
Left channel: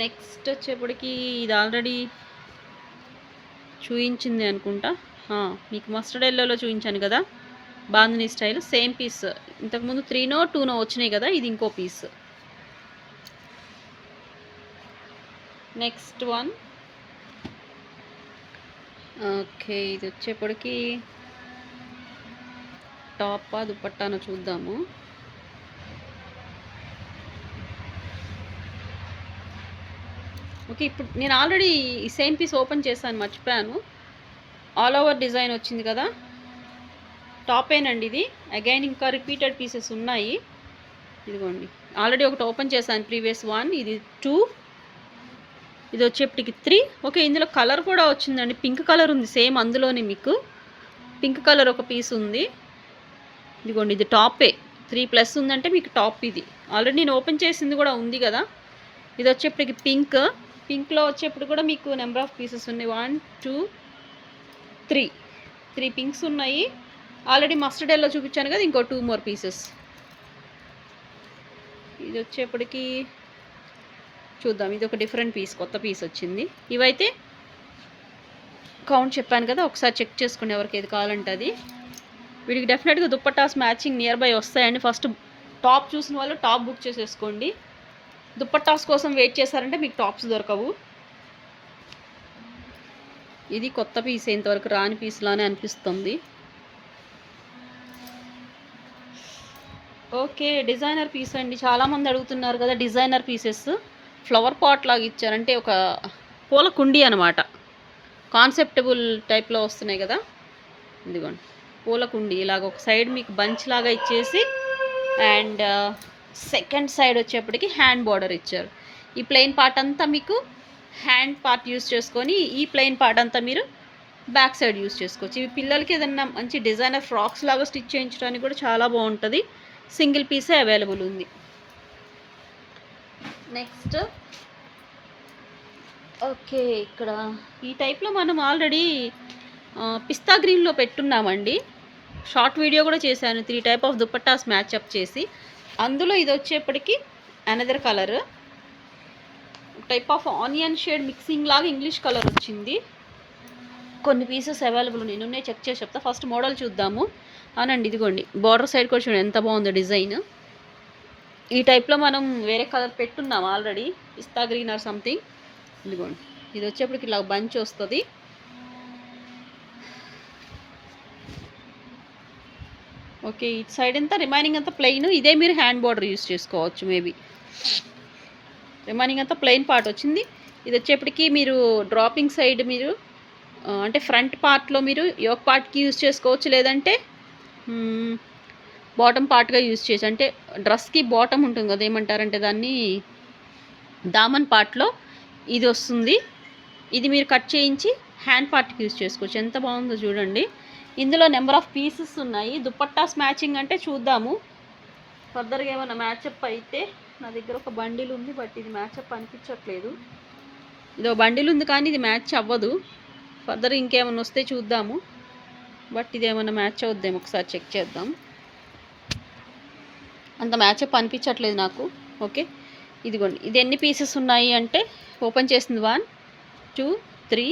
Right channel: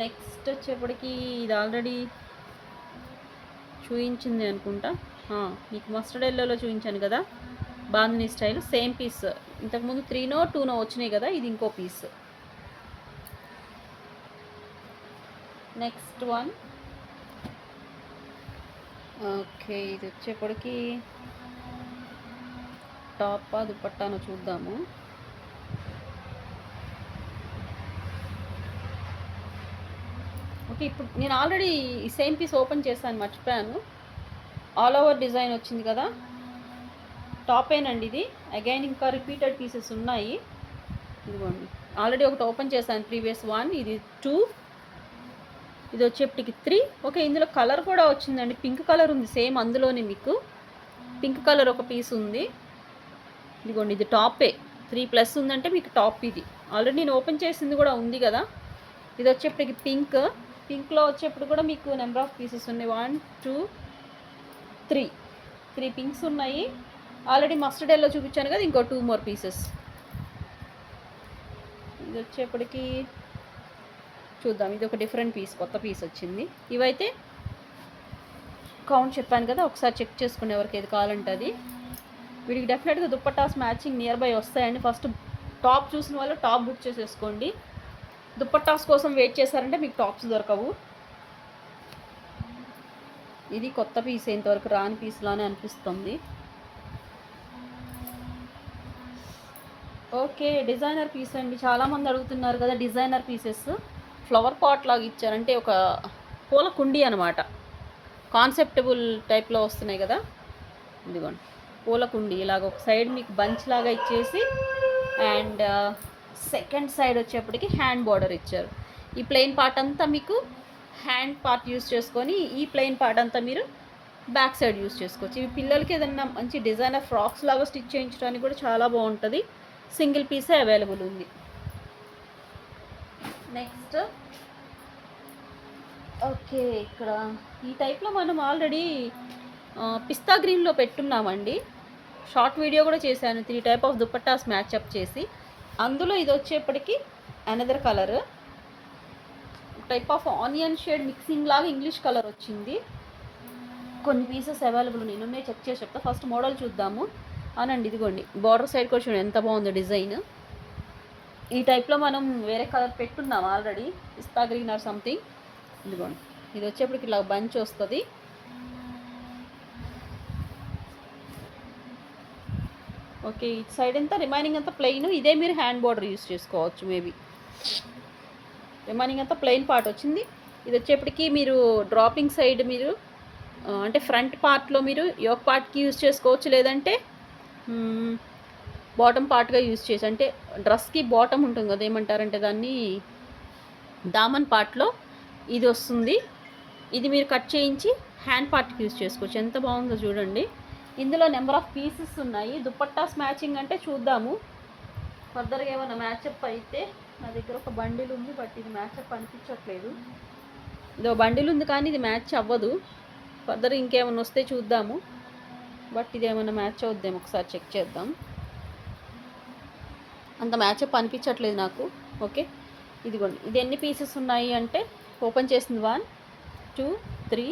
నెక్స్ట్ వచ్చేప్పటికి ఇది ఆల్రెడీ చూపించింది అనుకుంటా, మీకు మస్టర్డ్ ఎల్లోలో చూపించాను కదా, బాందిని స్టైల్ సేమ్ పీస్. ఇంతకుముందు 3నో 2నో వచ్చినాయి కదా, ఇది ఇంకో పీస్. Next one. ఓకే, ఇది వచ్చేప్పటికి టాపా దుపట్టాను చూద్దాము. ఓకే, ఇప్పుడు నేను ఆల్రెడీ ఈ సేమ్ పీస్ ఓపెన్ చేశాను, మర్చిపోయాను. ఆల్ ఓవర్ డిజైన్ వచ్చింది కదా, టాపేనండి ఇది. అగైన్ ఇంకా రిపీటెడ్ పీసెస్ ఉన్నాయి. ఇదిగోండి ఆల్రెడీ ఒకటి ఓపెన్ చేశాను, ప్రీవియస్ 1, ఇది 2, ఇది వచ్చేప్పటికి 3. ఓకే, ఇందులో కలర్ కూడా వచ్చిందండి, పింక్ కలర్ ఉంది సేమ్. అందులోనే మీకు పింక్ కలర్ ఒక పీస్ ఉంది. ఇదిగోండి ఇది టాపే, 3+ ఉందంటే మీకు టాప్ ఇది. ఆల్రెడీ నేను ఓపెన్ చేసింది కూడా ఉంది కదా. ఇది వచ్చేప్పటికి పింక్లో వచ్చేప్పుడు కూడా మీకు నెంబర్ ఆఫ్ పీసెస్ ఉన్నాయి. 1 2 3 పింక్స్ ఉన్నాయి. ఆల్రెడీ మస్టర్డ్ ఎల్లో చూపించాను కదా, ఇంకో 2 మోర్ పీసెస్. ఇది వచ్చేప్పటికి చూద్దాం, ఇది ఒక డిఫరెంట్ పీస్, కొత్త పీస్ వచ్చింది. ఇవైతే కౌంట్ చెప్పాను కదా, ఒకసారి చెక్ చేసుకుని ఎవరికి ఏది కావాలంటే అది. వీడికి డెఫినెట్గా దుప్పటాస్ మ్యాచింగ్ నియర్ బై వస్తాయండి. ఫస్ట్ టాప్ చూసిన వాళ్ళు టాప్ బుక్ చేసేసుకోండి. దుప్పటాస్ కోసం వెయిట్ చేశారంటే మీకు టాప్స్ దొరకవు. ఇది కొత్త పీస్, ఇంతవరకు రాని పీస్ లానే అనిపిస్తుంది. ఓకే, డిజైనర్ పీస్ అండి. చాలామంది అడుగుతున్నారు కదా డిజైనర్ పీసెస్. ఫ్లవర్ పాట్ లాగా ఇచ్చారు, అంటే ఒక పూల కుండీ అనమాట. కాన్సెప్టబుల్ టైప్లో వస్తున్నాయి కదా, ఇదిగోండి పూల కుండీ. ఇలాగ ఒక సైడ్ మీకు బంచ్ లాగా ఇచ్చేసి, అండ్ సెకండ్ సైడ్ వచ్చేప్పటికి హ్యాండ్ బార్డర్ ఇచ్చారు. ఈ ప్లెయిన్ పార్ట్ అంతా మీకు హ్యాండ్ పార్ట్ యూస్ చేసుకొని, ఈ ప్లెయిన్ పార్ట్ అంతా మీరు బ్యాక్ సైడ్ యూస్ చేసుకోవచ్చు. ఇవి పిల్లలకి ఏదన్నా మంచి డిజైనర్ ఫ్రాక్స్ లాగా స్టిచ్ చేయించడానికి కూడా చాలా బాగుంటుంది. సింగిల్ పీసే అవైలబుల్ ఉంది. నెక్స్ట్ ఓకే, ఇక్కడ ఈ టైప్లో మనం ఆల్రెడీ పిస్తా గ్రీన్లో పెట్టున్నామండి. షార్ట్ వీడియో కూడా చేశాను, 3 టైప్ ఆఫ్ దుపట్టాస్ మ్యాచ్అప్ చేసి. అందులో ఇది వచ్చేప్పటికి another colour, type of onion shade mixing లాగా ఇంగ్లీష్ కలర్ వచ్చింది. కొన్ని పీసెస్ అవైలబుల్ నేను చెక్ చేసి చెప్తా. ఫస్ట్ మోడల్ చూద్దాము. అవునండి, ఇదిగోండి బార్డర్ సైడ్ కూడా చూడండి ఎంత బాగుందో డిజైన్. ఈ టైప్లో మనం వేరే కలర్ పెట్టున్నాం already, pista green or something. ఇదిగోండి, ఇది వచ్చేప్పటికి ఇలా బంచ్ వస్తుంది. ఓకే, ఇటు సైడ్ అంతా రిమైనింగ్ అంతా ప్లెయిన్. ఇదే మీరు హ్యాండ్ బార్డర్ యూస్ చేసుకోవచ్చు. మేబీ రిమైనింగ్ అంతా ప్లెయిన్ పార్ట్ వచ్చింది. ఇది వచ్చేప్పటికి మీరు డ్రాపింగ్ సైడ్ మీరు అంటే ఫ్రంట్ పార్ట్లో మీరు యోక్ పార్ట్కి యూస్ చేసుకోవచ్చు, లేదంటే బాటమ్ పార్ట్గా యూస్ చేసి, అంటే డ్రెస్కి బాటమ్ ఉంటుంది కదా, ఏమంటారంటే దాన్ని దామన్ పార్ట్లో ఇది వస్తుంది. ఇది మీరు కట్ చేయించి హ్యాండ్ పార్ట్కి యూస్ చేసుకోవచ్చు. ఎంత బాగుందో చూడండి. ఇందులో నెంబర్ ఆఫ్ పీసెస్ ఉన్నాయి. దుపట్టాస్ మ్యాచింగ్ అంటే చూద్దాము ఫర్దర్గా ఏమైనా మ్యాచప్ అయితే. నా దగ్గర ఒక బండిల్ ఉంది, బట్ ఇది మ్యాచప్ అనిపించట్లేదు. ఇదో బండిల్ ఉంది కానీ ఇది మ్యాచ్ అవ్వదు. ఫర్దర్ ఇంకేమైనా వస్తే చూద్దాము, బట్ ఇది ఏమైనా మ్యాచ్ అవుద్దేమో ఒకసారి చెక్ చేద్దాం. అంత మ్యాచప్ అనిపించట్లేదు నాకు. ఓకే, ఇదిగోండి, ఇది ఎన్ని పీసెస్ ఉన్నాయి అంటే ఓపెన్ చేసింది 1 2 3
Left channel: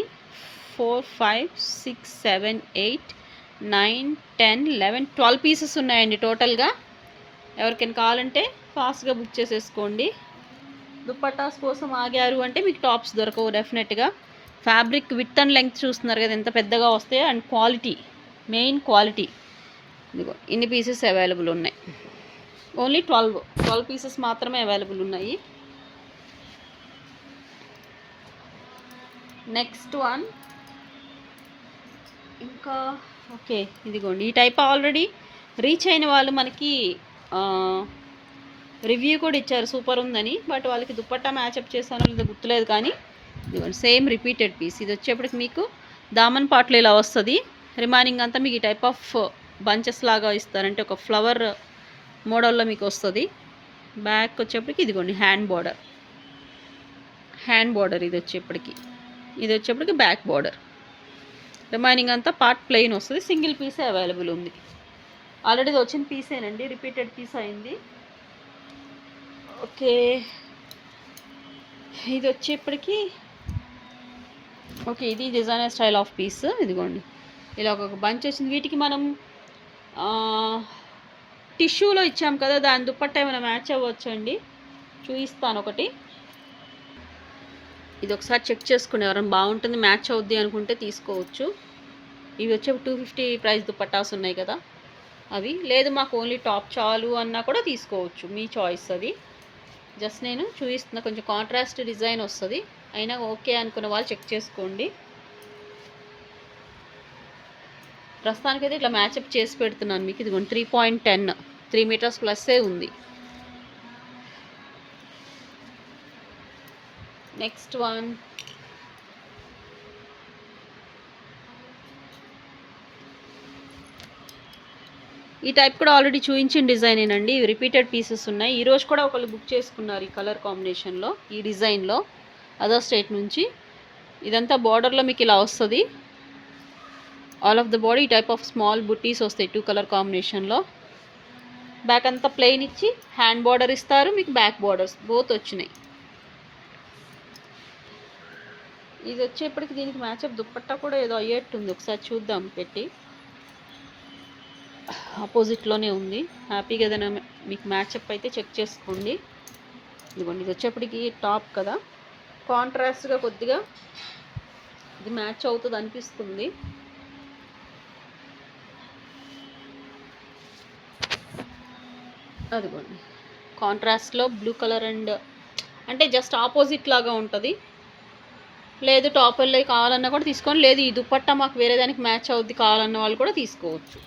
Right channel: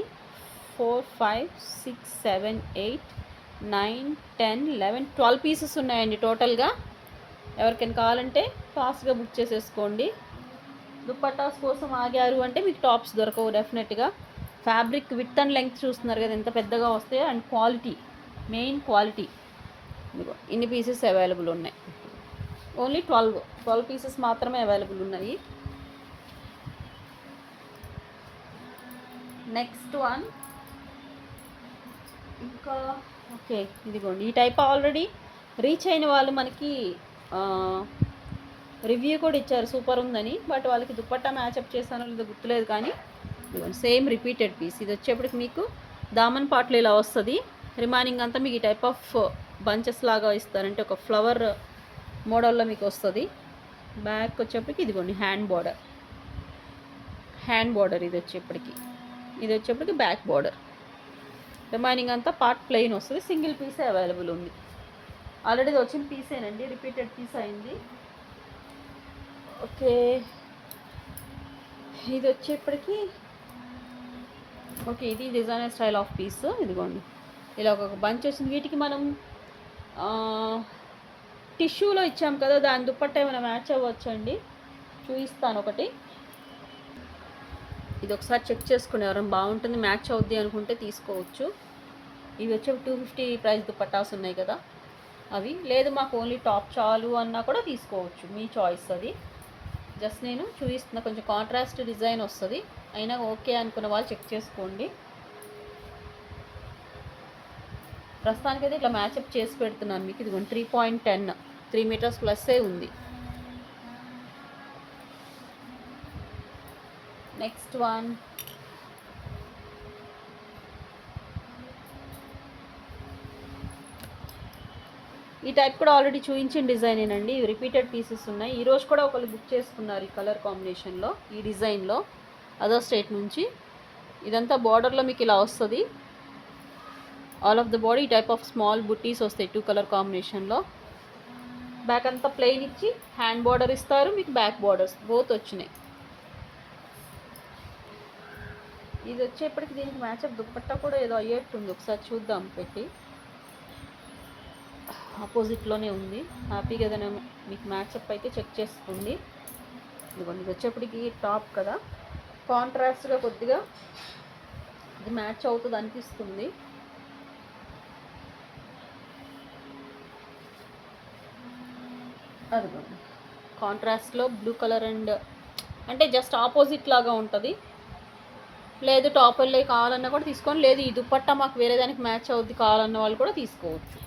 4 5 6 7 8 9 10 11 12 పీసెస్ ఉన్నాయండి టోటల్గా. ఎవరికైనా కావాలంటే ఫాస్ట్గా బుక్ చేసేసుకోండి. దుపట్టాస్ కోసం ఆగారు అంటే మీకు టాప్స్ దొరకవు డెఫినెట్గా. ఫ్యాబ్రిక్ విత్ అండ్ లెంగ్త్ చూస్తున్నారు కదా ఎంత పెద్దగా వస్తాయో, అండ్ క్వాలిటీ, మెయిన్ క్వాలిటీ. ఇదిగో ఇన్ని పీసెస్ అవైలబుల్ ఉన్నాయి. ఓన్లీ 12 పీసెస్ మాత్రమే అవైలబుల్ ఉన్నాయి. నెక్స్ట్ వన్ ఇంకా ఓకే, ఇదిగోండి ఈ టైప్ ఆల్రెడీ రీచ్ అయిన వాళ్ళు మనకి రివ్యూ కూడా ఇచ్చారు సూపర్ ఉందని. బట్ వాళ్ళకి దుపట్టా మ్యాచప్ చేశానో లేదో గుర్తులేదు, కానీ ఇదిగోండి సేమ్ రిపీటెడ్ పీస్. ఇది వచ్చేప్పటికి మీకు దామన్ పార్ట్లో ఇలా వస్తుంది. రిమైనింగ్ అంతా మీకు ఈ టైప్ ఆఫ్ బంచెస్ లాగా ఇస్తారంటే ఒక ఫ్లవర్ మోడల్లో మీకు వస్తుంది. బ్యాక్ వచ్చేప్పటికి ఇదిగోండి హ్యాండ్ బార్డర్ ఇది వచ్చేప్పటికి బ్యాక్ బార్డర్. రిమైనింగ్ అంతా పార్ట్ ప్లెయిన్ వస్తుంది. సింగిల్ పీసే అవైలబుల్ ఉంది. ఆల్రెడీ ఇది వచ్చిన పీసేనండి, రిపీటెడ్ పీస్ అయింది. ఓకే, ఇది వచ్చేప్పటికి ఓకే, ఇది డిజైనర్ స్టైల్ ఆఫ్ పీస్. ఇదిగోండి ఇలా ఒక బంచ్ వచ్చింది. వీటికి మనం టిష్యూలో ఇచ్చాం కదా, దాని దుపట్టా ఏమైనా మ్యాచ్ అవ్వచ్చండి. చూపిస్తాను ఒకటి. ఇది ఒకసారి చెక్ చేసుకుని ఎవరైనా బాగుంటుంది మ్యాచ్ అవుద్ది అనుకుంటే తీసుకోవచ్చు. ఇవి వచ్చే 250 ప్రైస్ దుపట్టాస్ ఉన్నాయి కదా అవి. లేదు మాకు ఓన్లీ టాప్ చాలు అన్నా కూడా తీసుకోవచ్చు, మీ చాయిస్ అది. జస్ట్ నేను చూపిస్తున్నా, కొంచెం కాంట్రాస్ట్ డిజైన్ వస్తుంది. అయినా ఓకే అనుకున్న వాళ్ళు చెక్ చేసుకోండి. ప్రస్తుతానికైతే ఇట్లా మ్యాచప్ చేసి పెడుతున్నాను మీకు. ఇది 3.10 3 మీటర్స్ ప్లస్సే ఉంది. నెక్స్ట్ వన్ ఈ టైప్ కూడా ఆల్రెడీ చూపించిన డిజైనేనండి. రిపీటెడ్ పీసెస్ ఉన్నాయి. ఈరోజు కూడా ఒకళ్ళు బుక్ చేసుకున్నారు ఈ కలర్ కాంబినేషన్లో, ఈ డిజైన్లో, అదర్ స్టేట్ నుంచి. ఇదంతా బార్డర్లో మీకు ఇలా వస్తుంది. ఆల్ ఆఫ్ ద బాడీ ఈ టైప్ ఆఫ్ స్మాల్ బుట్టీస్ వస్తాయి 2 కలర్ కాంబినేషన్లో. బ్యాక్ అంతా ప్లెయిన్ ఇచ్చి హ్యాండ్ బార్డర్ ఇస్తారు. మీకు బ్యాక్ బార్డర్స్ బోత్ వచ్చినాయి. ఇది వచ్చేప్పటికి దీనికి మ్యాచప్ దుప్పట్టా కూడా ఏదో అయ్యేట్టుంది. ఒకసారి చూద్దాం పెట్టి. ఆపోజిట్లోనే ఉంది. హ్యాపీగా ఏదైనా మీకు మ్యాచప్ అయితే చెక్ చేసుకోండి. ఇదిగోండి, ఇది వచ్చేప్పటికి టాప్ కదా, కాంట్రాస్ట్గా కొద్దిగా ఇది మ్యాచ్ అవుతుంది అనిపిస్తుంది. అదిగోండి, కాంట్రాస్ట్లో బ్లూ కలర్ అండ్ అంటే జస్ట్ ఆపోజిట్ లాగా ఉంటుంది. లేదు టాపర్లో కావాలన్నా కూడా తీసుకొని, లేదు ఈ దుప్పట్టా మాకు వేరే దానికి మ్యాచ్ అవుద్ది కావాలన్న వాళ్ళు కూడా తీసుకోవచ్చు.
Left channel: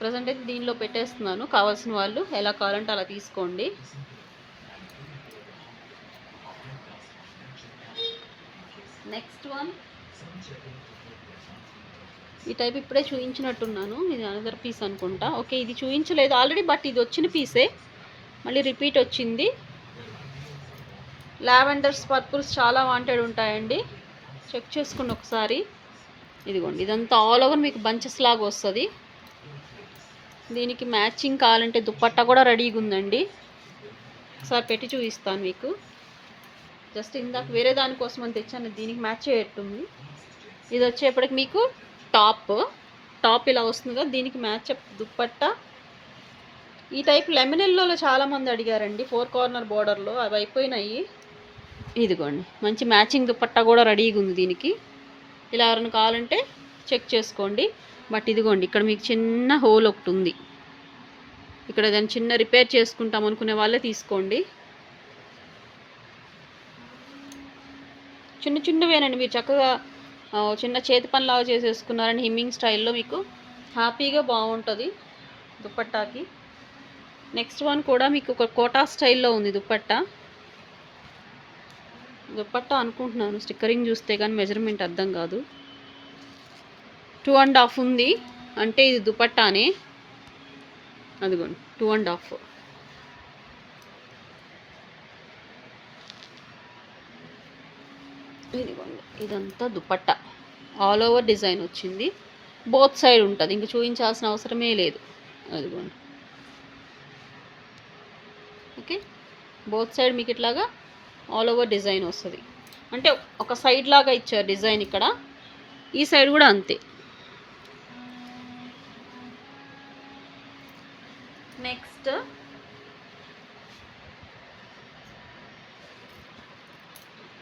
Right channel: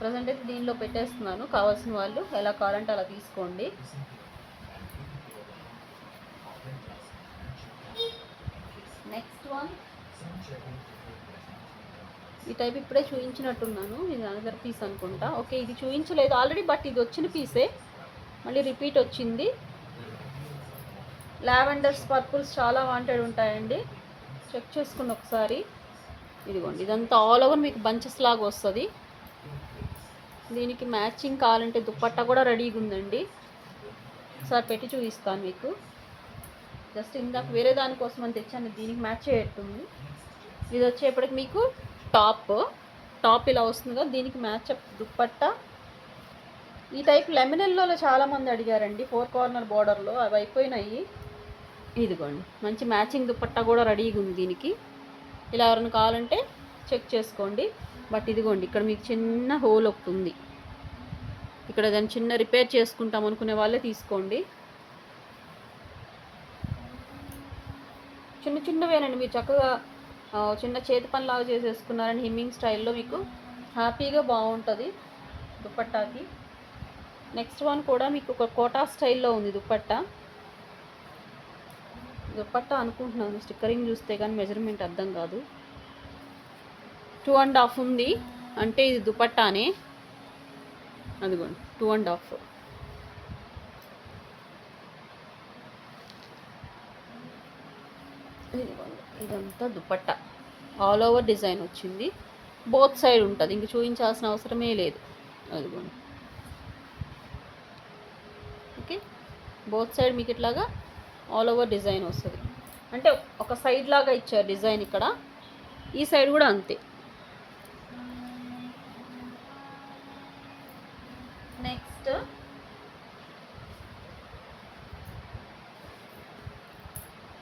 ప్రజెంట్ అయితే దీనిలో పెట్టేస్తున్నాను. కావాల్సిన వాళ్ళు ఎలా కావాలంటే అలా తీసుకోండి. నెక్స్ట్ వన్, ఈ టైప్ ఇప్పుడే చూపించినట్టున్నాను. ఇది అనదర్ పీస్ అనుకుంటా. ఓకే, ఇది చూపించలేదు ఆల్రెడీ, బట్ ఇది వచ్చిన పీసే, మళ్ళీ రిపీట్ వచ్చింది. లావెండర్స్, పర్పుల్స్ చాలా వాంటెడ్ ఉంటాయండి. చెక్ చేసుకుని ఒకసారి. ఇదిగోండి, ఇదంతా ఆల్ ఓవర్ మీకు బంచెస్ లాగా వస్తుంది. దీనికి మ్యాచింగ్ కావాలంటే దుప్పట్టా కూడా రెడీగా ఉందండి. ఒకసారి పెట్టి చూపిస్తాను మీకు. జస్ట్ ఇందాక వేరే దానికోసం అని తెచ్చాను, దీనికి మ్యాచ్ అయ్యేట్టుంది. ఇది వచ్చేప్పటికి మీకు టాప్ ఇలా వస్తుంది కదా, దీనికి మ్యాచప్ దుప్పట్టా. ఈ టైప్ లెమన్ ఎల్లోలో చాలామంది అడిగారండి, 4 కార్నర్ బార్డర్లో. అవి అయిపోయినాయి. ఇదిగోండి, మంచి మ్యాచింగ్ దుప్పట్టా కూడా రెడీగా ఉంది దీనికి. ఇలా ఎవరైనా కావాలంటే చెక్ చేసుకోండి. బట్ ఇదిగోండి, ఇక్కడ మీకు చిన్న హోల్ ఒకటి ఉంది. ఇక్కడ దాన్ని చిన్న రిపేర్ చేసుకుంటాం అనుకునే వాళ్ళే తీసుకోండి. చిన్న చిన్నవేనండి, మీరు చక్కగా చిన్న చేతి పనిలాగా చేసేసుకున్నారని హిమ్మింగ్ స్టైల్లో మీకు హ్యాపీగా బాగుంటుంది దుప్పట్టాకి. నెక్స్ట్ వన్ కూడా మీకు ఒక కోటా స్టైల్లో ఉంది దుప్పట్టా అనుకుంటున్నాను. స్టిక్కరింగ్ చూస్తే కానీ మెజర్మెంట్ అర్థం కాదు. 2.5 ఉంది అంటే ఇది దుపట్టానే. అదిగోండి 2.5. ఇదిగోండి, ఇదంతా దుపట్టా ఆల్ ఓవర్ డిజైన్ వచ్చింది. బోత్ సైడ్ ఉంటుంది, ఇంక చూపించాల్సిన అవసరమే లేదు. అదిగోండి, ఓకే, బోత్ సైడ్ మీకు ఇట్లాగా ఆల్ ఓవర్ డిజైన్ వస్తుంది. అంటే ఒక సైడ్ లాగా ఇచ్చారు డిజైన్ ఇక్కడ, ఈ సైడ్ కూడా అంతే. నెక్స్ట్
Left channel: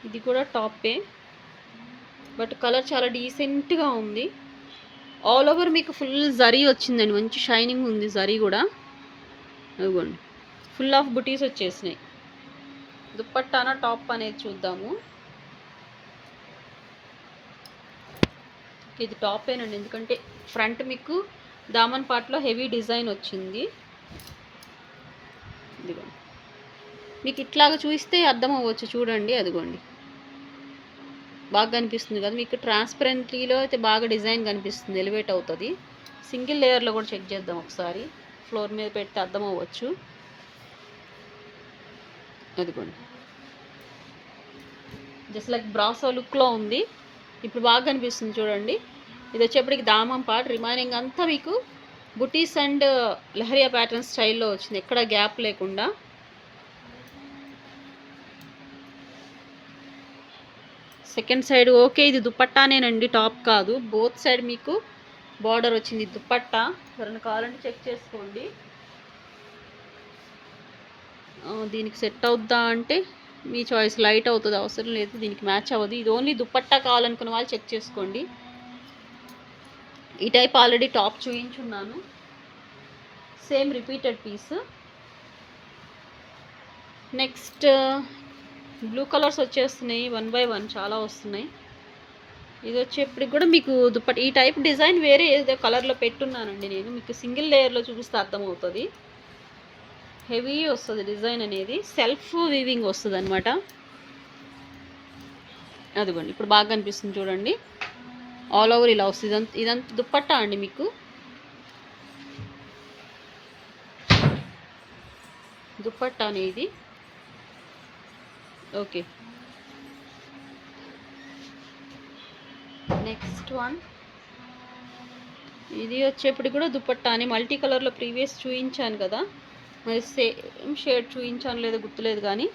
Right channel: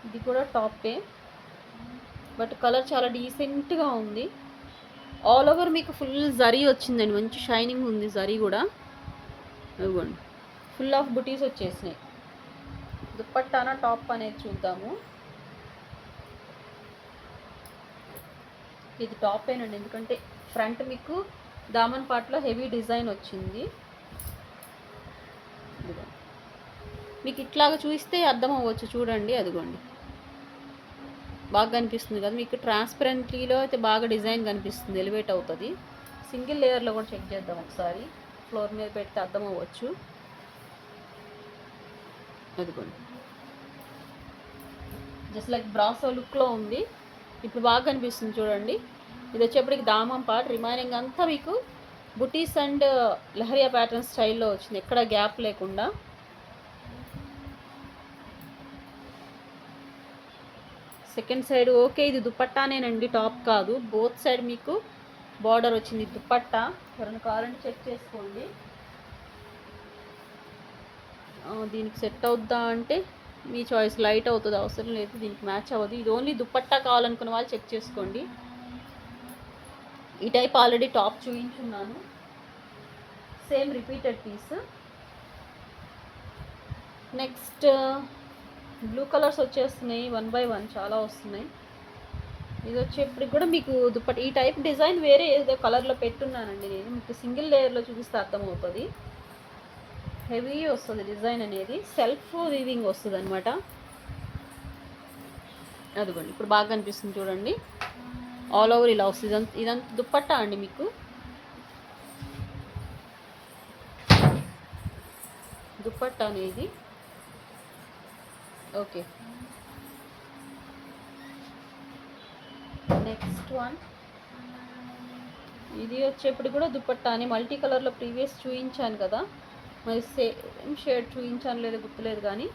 ఇది కూడా టాపే, బట్ కలర్ చాలా డీసెంట్గా ఉంది. ఆల్ ఓవర్ మీకు ఫుల్ జరీ వచ్చిందండి, మంచి షైనింగ్ ఉంది జరీ కూడా. అదిగోండి, ఫుల్ ఆఫ్ బుటీస్ వచ్చేసినాయి. దుప్పట్టానా టాప్ అనేది చూద్దాము. ఇది టాపేనండి, ఎందుకంటే ఫ్రంట్ మీకు దామన్ పార్ట్లో హెవీ డిజైన్ వచ్చింది. ఇదిగో మీకు ఇట్లాగా చూస్తే అర్థం అవ్వచ్చు, చూడండి. అదిగోండి, బాగా కనిపిస్తుంది కదా మీకు. ట్రాన్స్పరెంట్లీలో అయితే బాగా డిజైన్ కనిపిస్తుంది, ఎలివేట్ అవుతుంది. సింగిల్ లేయర్లో కూడా చెక్ చేద్దాం ఒకసారి, ఫ్లోర్ మీద పెడితే అర్థం అవ్వచ్చు. అదిగోండి, జస్ట్ లైక్ బ్రాసో లుక్లో ఉంది. ఇప్పుడు బాగా కనిపిస్తుంది చూడండి. ఇది వచ్చేప్పటికి దామం పార్ట్, రిమైనింగ్ అంతా మీకు బుటీస్ అండ్ లహరియా ప్యాటర్న్ స్టైల్లో వచ్చింది, ఎక్కడ గ్యాప్ లేకుండా. సెకండ్ సైడ్ ఓకే, ఇది దుపట్టానేనండి, టాప్ కాదు. బోత్ సైడ్ మీకు బార్డర్ వచ్చింది దుపట్టా. ఎవరైనా కావాలంటే చెక్ చేసుకోండి. దీనికి సెట్ అవుద్దా అంటే మీ చాయిస్, లైట్ అవుతుంది, అవసరం లేదు, దీనికి మ్యాచ్ అవ్వదు. ఇది ఓన్లీ దుపట్టా కావాలనుకున్న వాళ్ళు చెక్ చేసుకోండి. ఈ టైప్ ఆల్రెడీ టాప్ చూపించున్నాను, same repeated piece. Next blue colours వచ్చేస్తున్నాయి, 1 by 1 చాలా వస్తున్నాయి. ఇది వచ్చేప్పటికి కూడా మీకు దుప్పటి ఈ టైప్ డిజైన్ వేరే ఏదో కలర్లో పెట్టున్నానండి నేను, మీకు సింగిల్ లేయర్లో చూపిస్తే అర్థమవుతుంది. హెవీ వస్తుంది డిజైన్ అనేది, సెల్ఫ్ వీవింగ్ వస్తుంది అనమాట. అదిగోండి, ఇప్పుడు బాగా కనిపిస్తుంది చూడండి. ఆల్ ఓవర్ ఇలా వస్తుంది. ఇదంతా దుప్పట్టా అండి మీకు. దుప్పట్టాని ఇది. Okay, next one. ఇది వచ్చేప్పటికి కూడా దుప్పట్టాని మల్టీ కలర్లో ప్రీవియస్ చూపించాను కదా, మరి సేమ్ షేడ్ చూపించాను లేదో గుర్తులేదు కానీ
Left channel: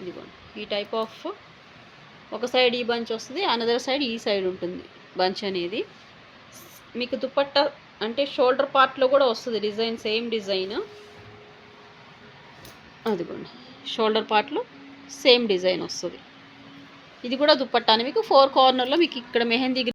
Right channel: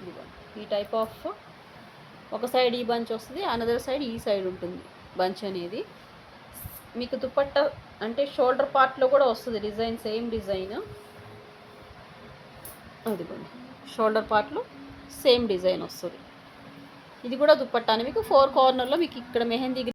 ఇదిగో ఈ టైప్ ఆఫ్ ఒక సైడ్ ఈ బంచ్ వస్తుంది, అనదర్ సైడ్ ఈ సైడ్ ఉంటుంది బంచ్ అనేది. మీకు దుపట్టా అంటే షోల్డర్ పార్ట్లో కూడా వస్తుంది డిజైన్, సేమ్ డిజైన్. అదిగోండి షోల్డర్ పార్ట్లో సేమ్ డిజైన్ వస్తుంది. ఇది కూడా దుపట్టాని మీకు 4 కార్నర్లో మీకు ఇక్కడ మెహందీ